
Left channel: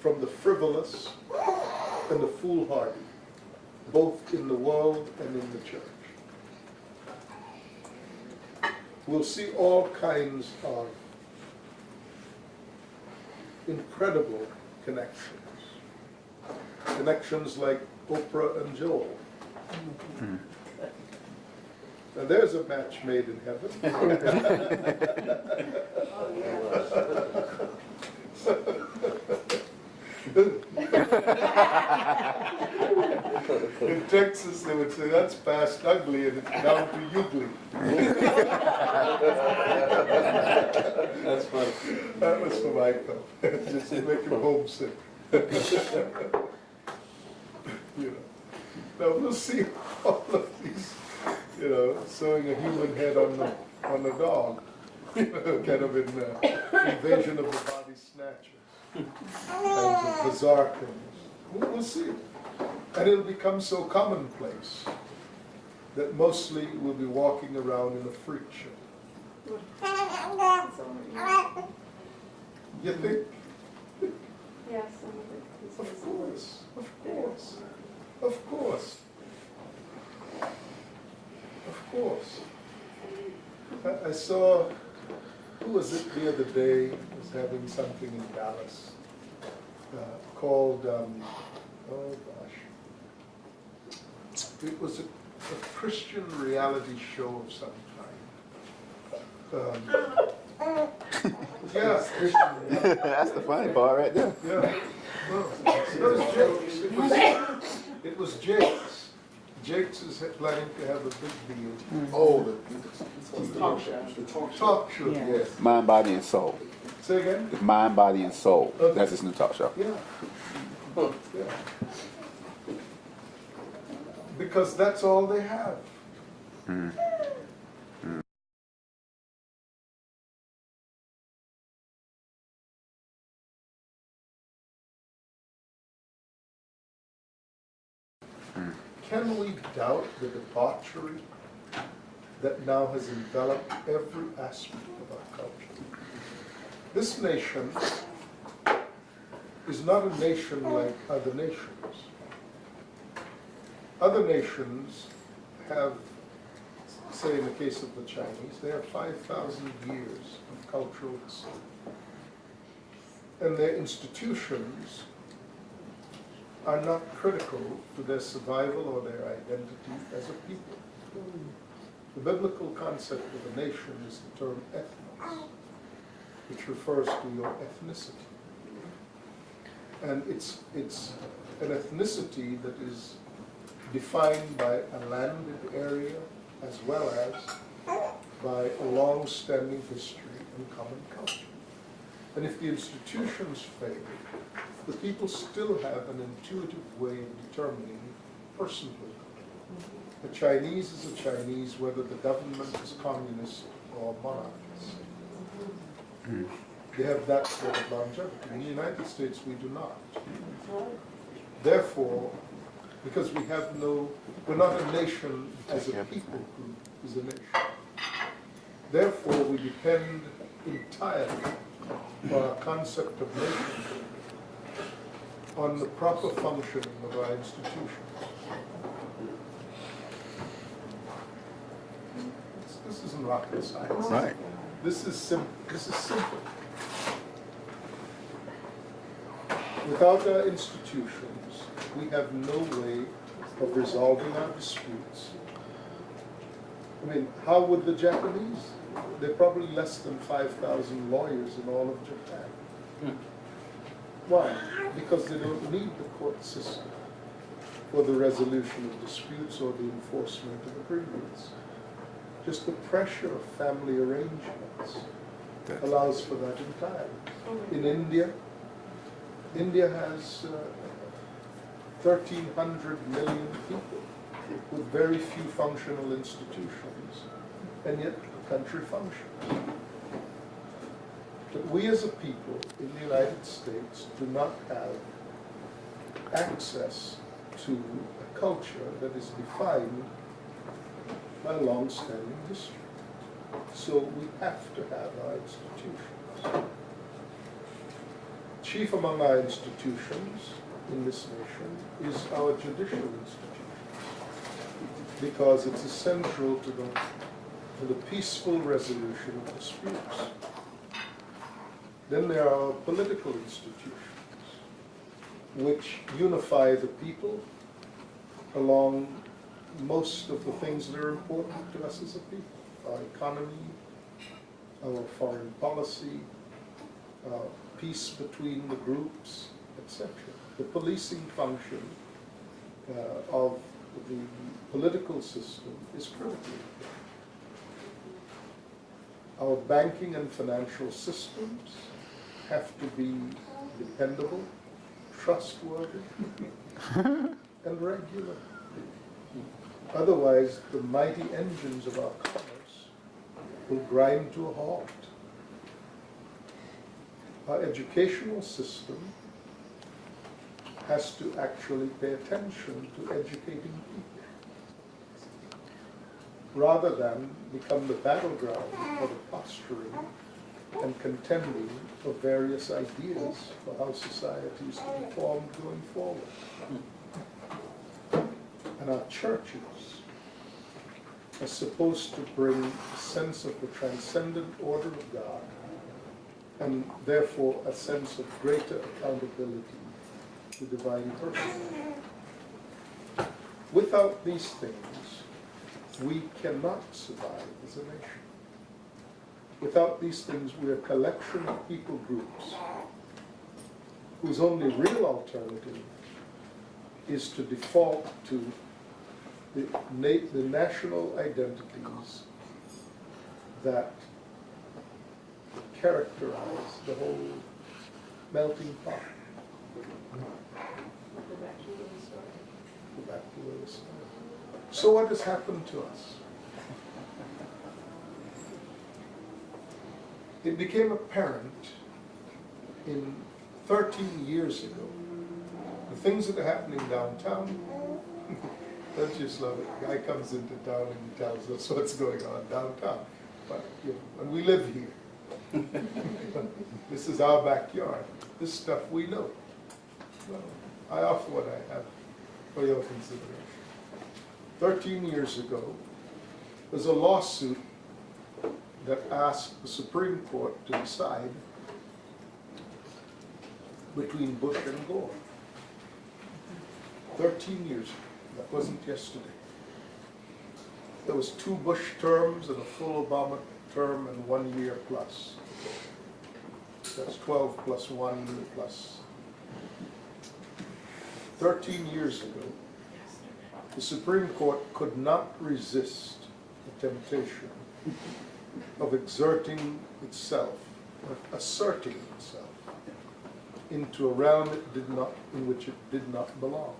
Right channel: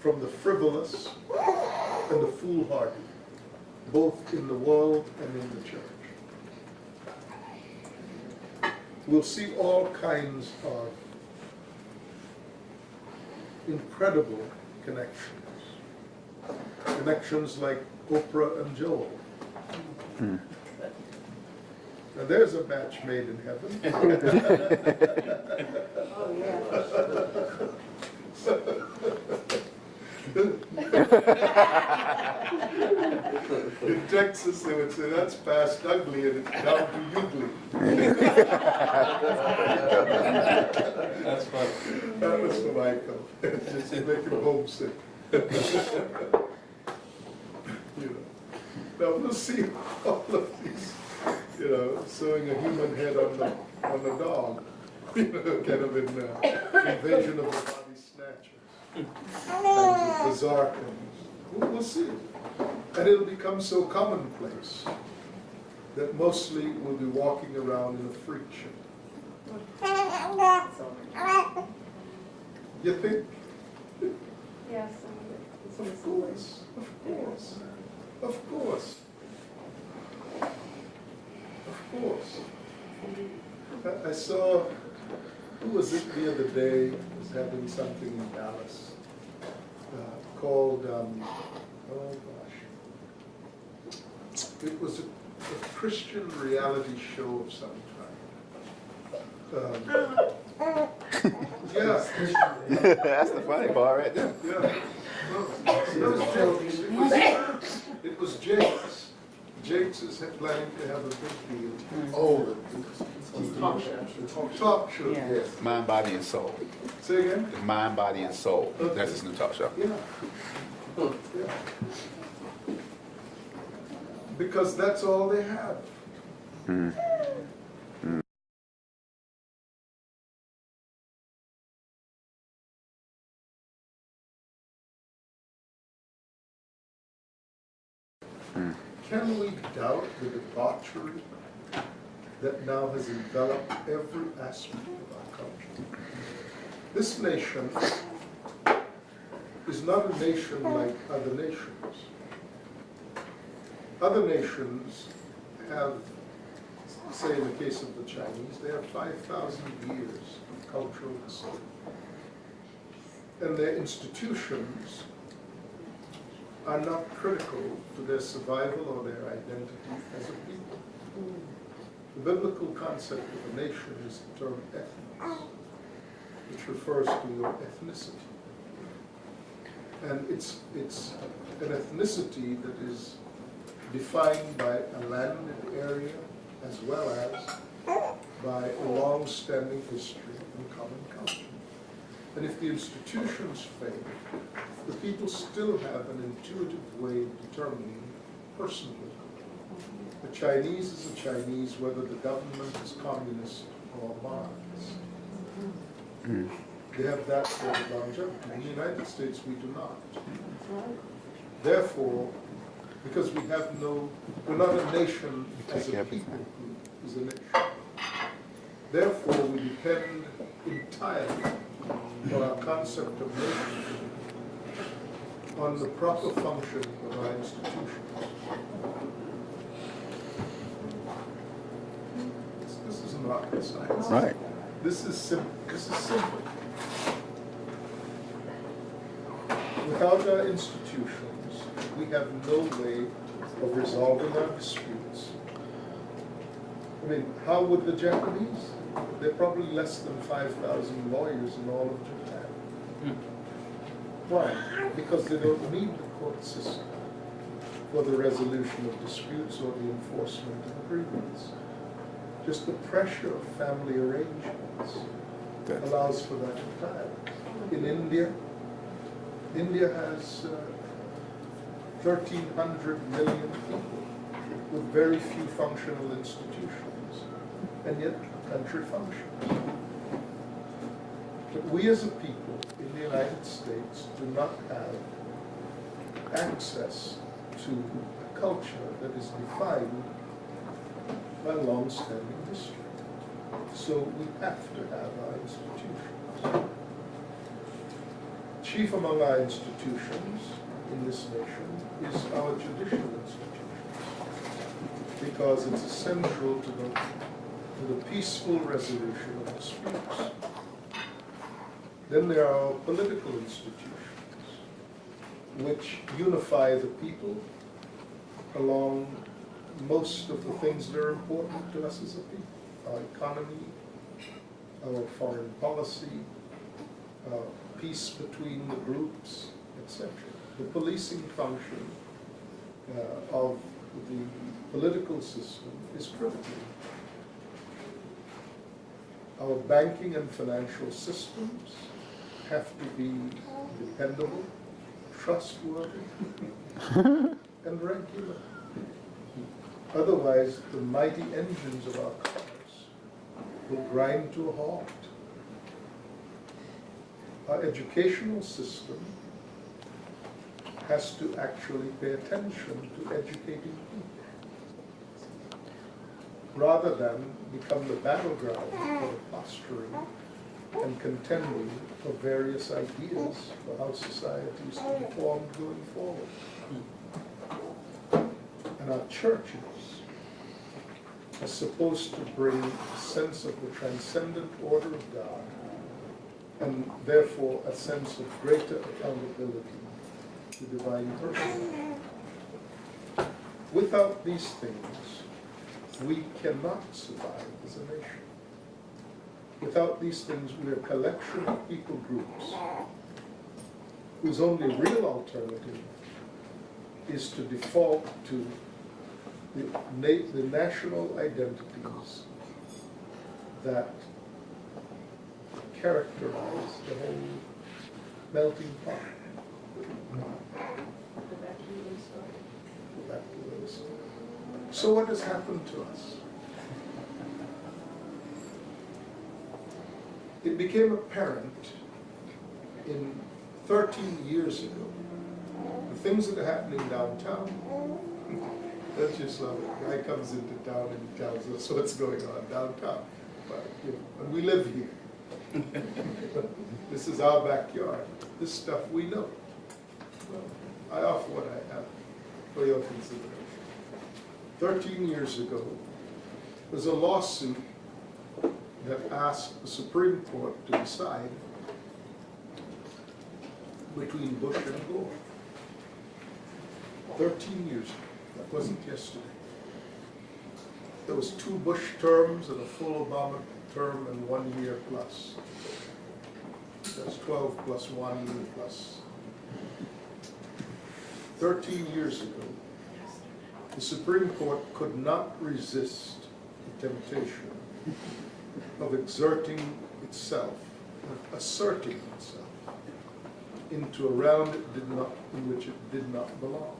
from the frivolous and the foolhardy, both in the world and in the church. We'll see all kinds of incredible connections. Connections like Oprah and Joel. Now there's a match made in heaven. In Texas, they would say, that's past ugly and it's down to ugly. That's funny. That was for Michael. Just to make him homesick. Now we'll see all of these, sewing a human head on a dog, kind of in Invasion of the Body Snatchers, and the bizarre things. We'll see. And it'll become so commonplace that mostly we'll be walking around in a freak show. You think? Yes. Of course. Of course. Of course. I saw, who was it the other day, was having something in Dallas called, oh gosh, it was a Christian reality show of some kind. Yeah. That's the funny part right there. Yeah. No, it was jokes. It was Jake's. Jake's is planning to have a big deal. Oh, The talk show. Yeah. yes. Mind, Body, and Soul. Say again? It's Mind, Body, and Soul. Okay. That's his new talk show. Yeah. Yeah. Because that's all they have. Can we doubt the debauchery that now has enveloped every aspect of our culture? This nation is not a nation like other nations. Other nations have, say in the case of the Chinese, they have 5,000 years of cultural history. And their institutions are not critical to their survival or their identity as a people. The biblical concept of a nation is the term ethnos, which refers to your ethnicity. And it's an ethnicity that is defined by a landed area as well as by a long-standing history and common culture. And if the institutions fail, the people still have an intuitive way of determining personhood. A Chinese is a Chinese whether the government is communist or monarchist. They have that sort of longevity. In the United States, we do not. Therefore, because we're not a nation as a people group is a nation. Therefore, we depend entirely for our concept of nationhood on the proper functioning of our institutions. This isn't rocket science. Right. This is simple. Without our institutions, we have no way of resolving our disputes. I mean, how would the Japanese? There are probably less than 5,000 lawyers in all of Japan. Why? Because they don't need the court system for the resolution of disputes or the enforcement of agreements. Just the pressure of family arrangements allows for that entirely. In India has 1,300 million people with very few functional institutions, and yet the country functions. But we as a people in the United States do not have access to a culture that is defined by long-standing history. So we have to have our institutions. Chief among our institutions in this nation is our judicial institution, because it's essential to the peaceful resolution of disputes. Then there are our political institutions, which unify the people along most of the things that are important to us as a people. Our economy, our foreign policy, peace between the groups, etc. The policing function of the political system is critical. Our banking and financial systems have to be dependable, trustworthy, and regular. Otherwise, the mighty engines of our commerce will grind to a halt. Our educational system has to actually pay attention to educating people, rather than become the battleground for the posturing and contending of various ideas for how society is to be formed going forward. And our churches are supposed to bring a sense of the transcendent order of God, and therefore a sense of greater accountability to divine person. Without these things, we cannot survive as a nation. Without these things, we are a collection of people groups whose only real alternative is to default to the national identities that characterize the whole melting pot. Go back to where we started. So what has happened to us? It became apparent in 13 years ago, the things that are happening downtown. Don't just love it. Guy comes into town and he tells us what's going on downtown. But, and we live here. This is our backyard. This stuff we know. Well, I offer what I have for your consideration. 13 years ago, there's a lawsuit that asked the Supreme Court to decide between Bush and Gore. 13 years ago. That wasn't yesterday. There was 2 Bush terms and a full Obama term and 1 year plus. That's 12 plus 1 plus. 13 years ago, the Supreme Court could not resist the temptation of exerting itself, asserting itself into a realm in which it did not belong.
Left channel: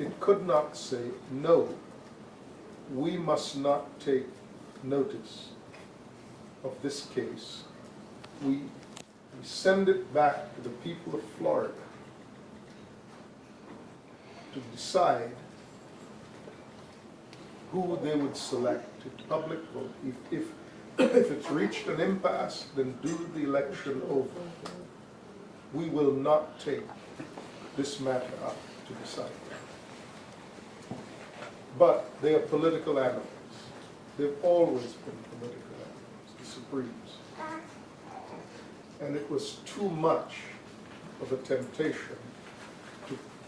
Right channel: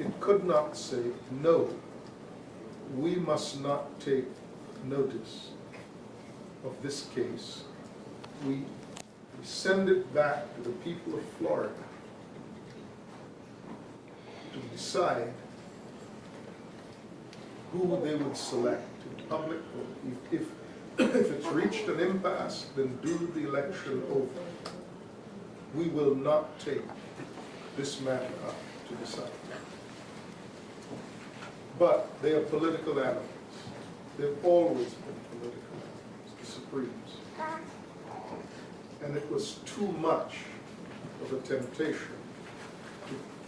It could not say, no, we must not take notice of this case. We send it back to the people of Florida to decide who they would select in public vote. If it's reached an impasse, then do the election over. We will not take this matter up to decide. But they are political animals. They've always been political animals, the Supremes. And it was too much of a temptation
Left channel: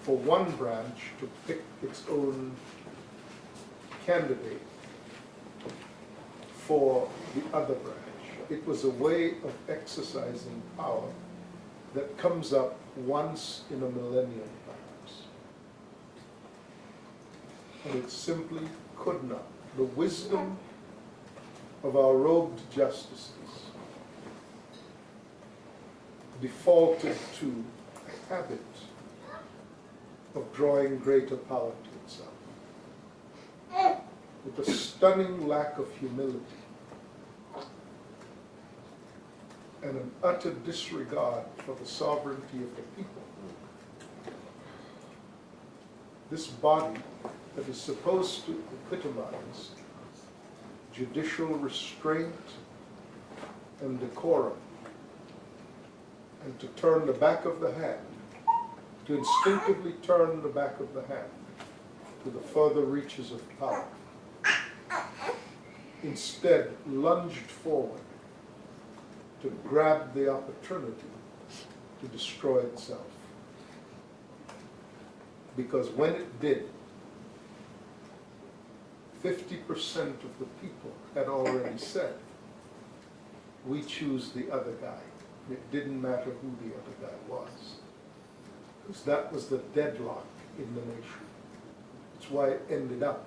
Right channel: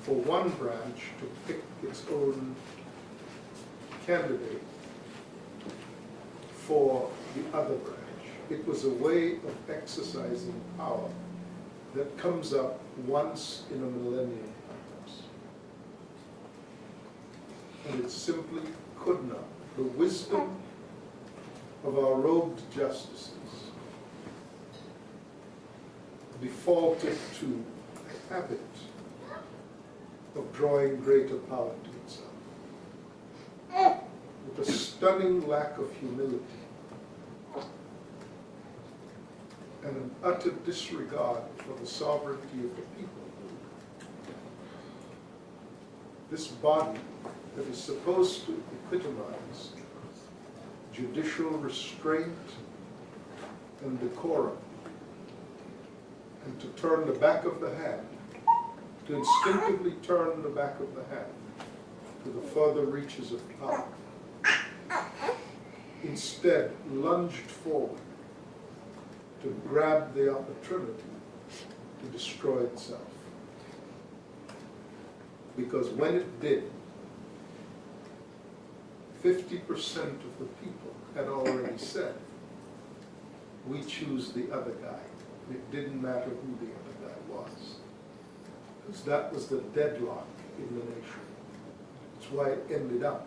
for one branch to pick its own candidate for the other branch. It was a way of exercising power that comes up once in a millennium, perhaps. And it simply could not. The wisdom of our robed justices defaulted to a habit of drawing greater power to itself, with a stunning lack of humility and an utter disregard for the sovereignty of the people. This body that is supposed to epitomize judicial restraint and decorum, and to turn the back of the hand, to instinctively turn the back of the hand to the further reaches of power, instead lunged forward to grab the opportunity to destroy itself. Because when it did, 50% of the people had already said, we choose the other guy. And it didn't matter who the other guy was. Because that was the deadlock in the nation. That's why it ended up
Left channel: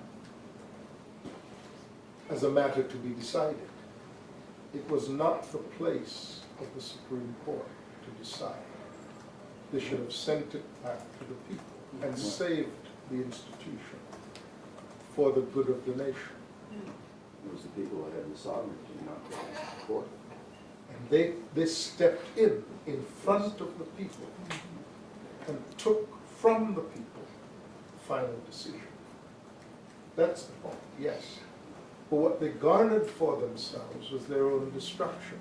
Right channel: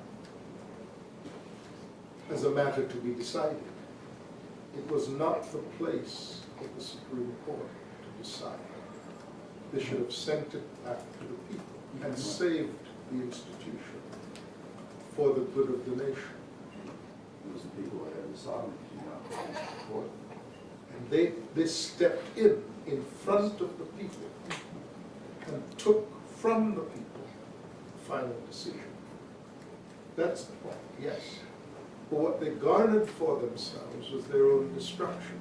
as a matter to be decided. It was not the place of the Supreme Court to decide. They should have sent it back to the people and saved the institution for the good of the nation. It was the people that had the sovereignty, not the court. And they stepped in front of the people and took from the people the final decision. That's the point, yes. But what they garnered for themselves was their own destruction.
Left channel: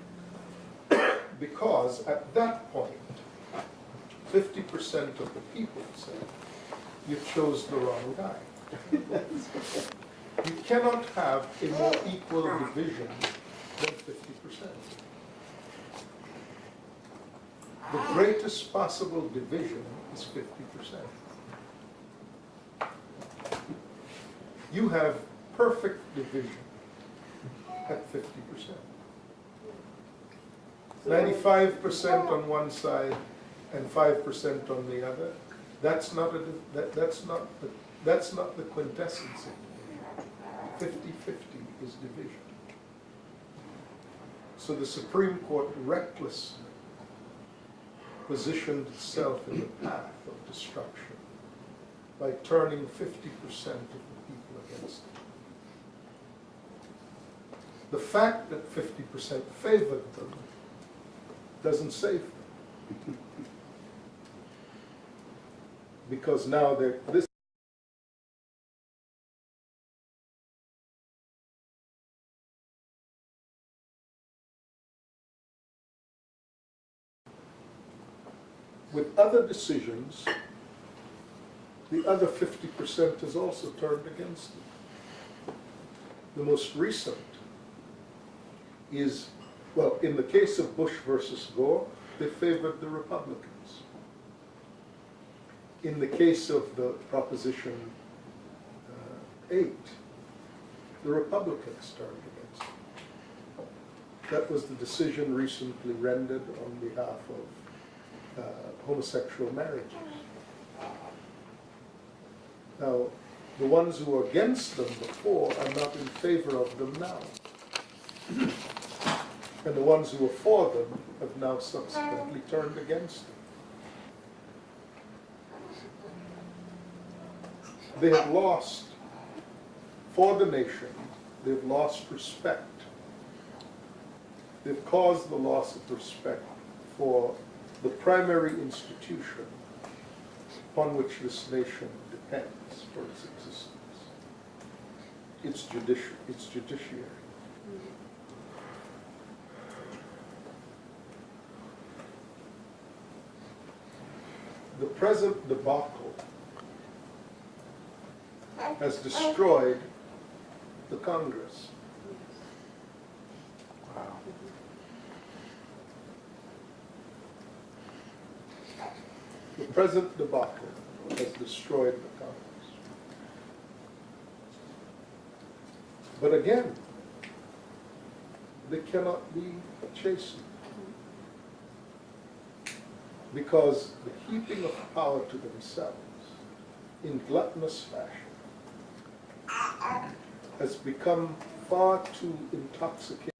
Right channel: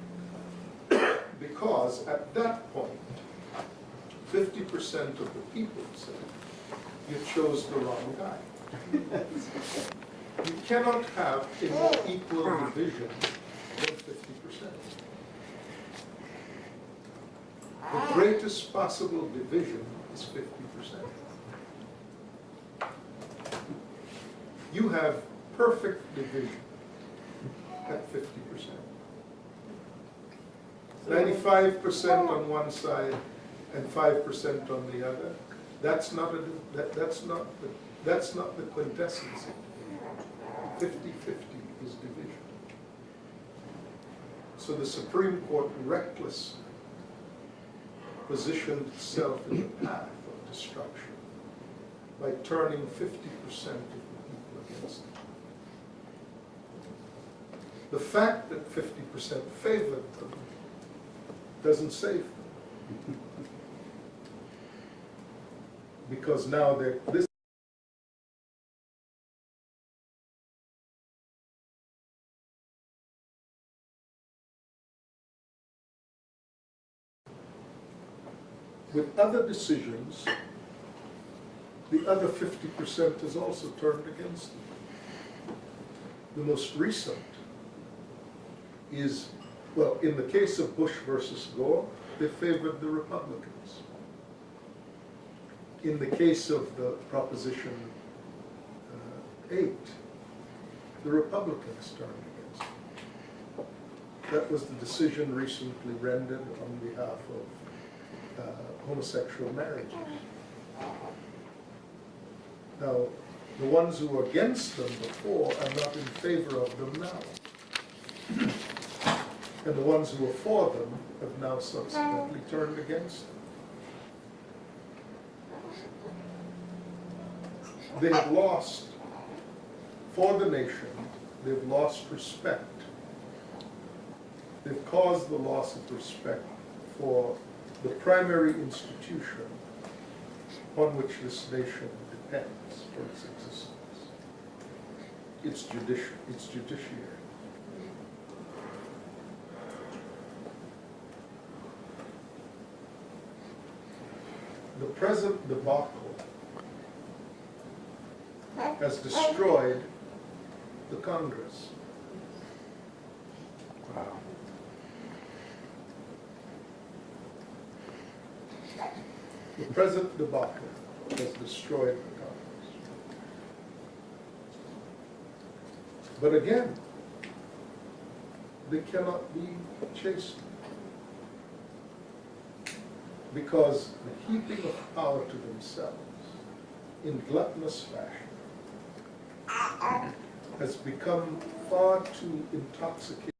Because at that point, 50% of the people said, you chose the wrong guy. You cannot have a more equal division than 50%. The greatest possible division is 50%. You have perfect division at 50%. 95% on one side and 5% on the other That's not the quintessence of division. 50-50 is division. So the Supreme Court recklessly positioned itself in the path of destruction by turning 50% of the people against it. The fact that 50% favored them doesn't save them. Because now this with other decisions, the other 50% has also turned against them. The most recent is, well, in the case of Bush versus Gore, they favored the Republicans. In the case of the Proposition 8, the Republicans turned against them. That was the decision recently rendered on behalf of homosexual marriages. Now, the ones who were against them before are not in favor of them now. And the ones who were for them have now subsequently turned against them. They have lost, for the nation, they've lost respect. They've caused the loss of respect for the primary institution upon which this nation depends for its existence, its judiciary. The present debacle has destroyed the Congress. Wow. The present debacle has destroyed the Congress. But again, they cannot be chastened. Because the heaping of power to themselves in gluttonous fashion has become far too intoxicating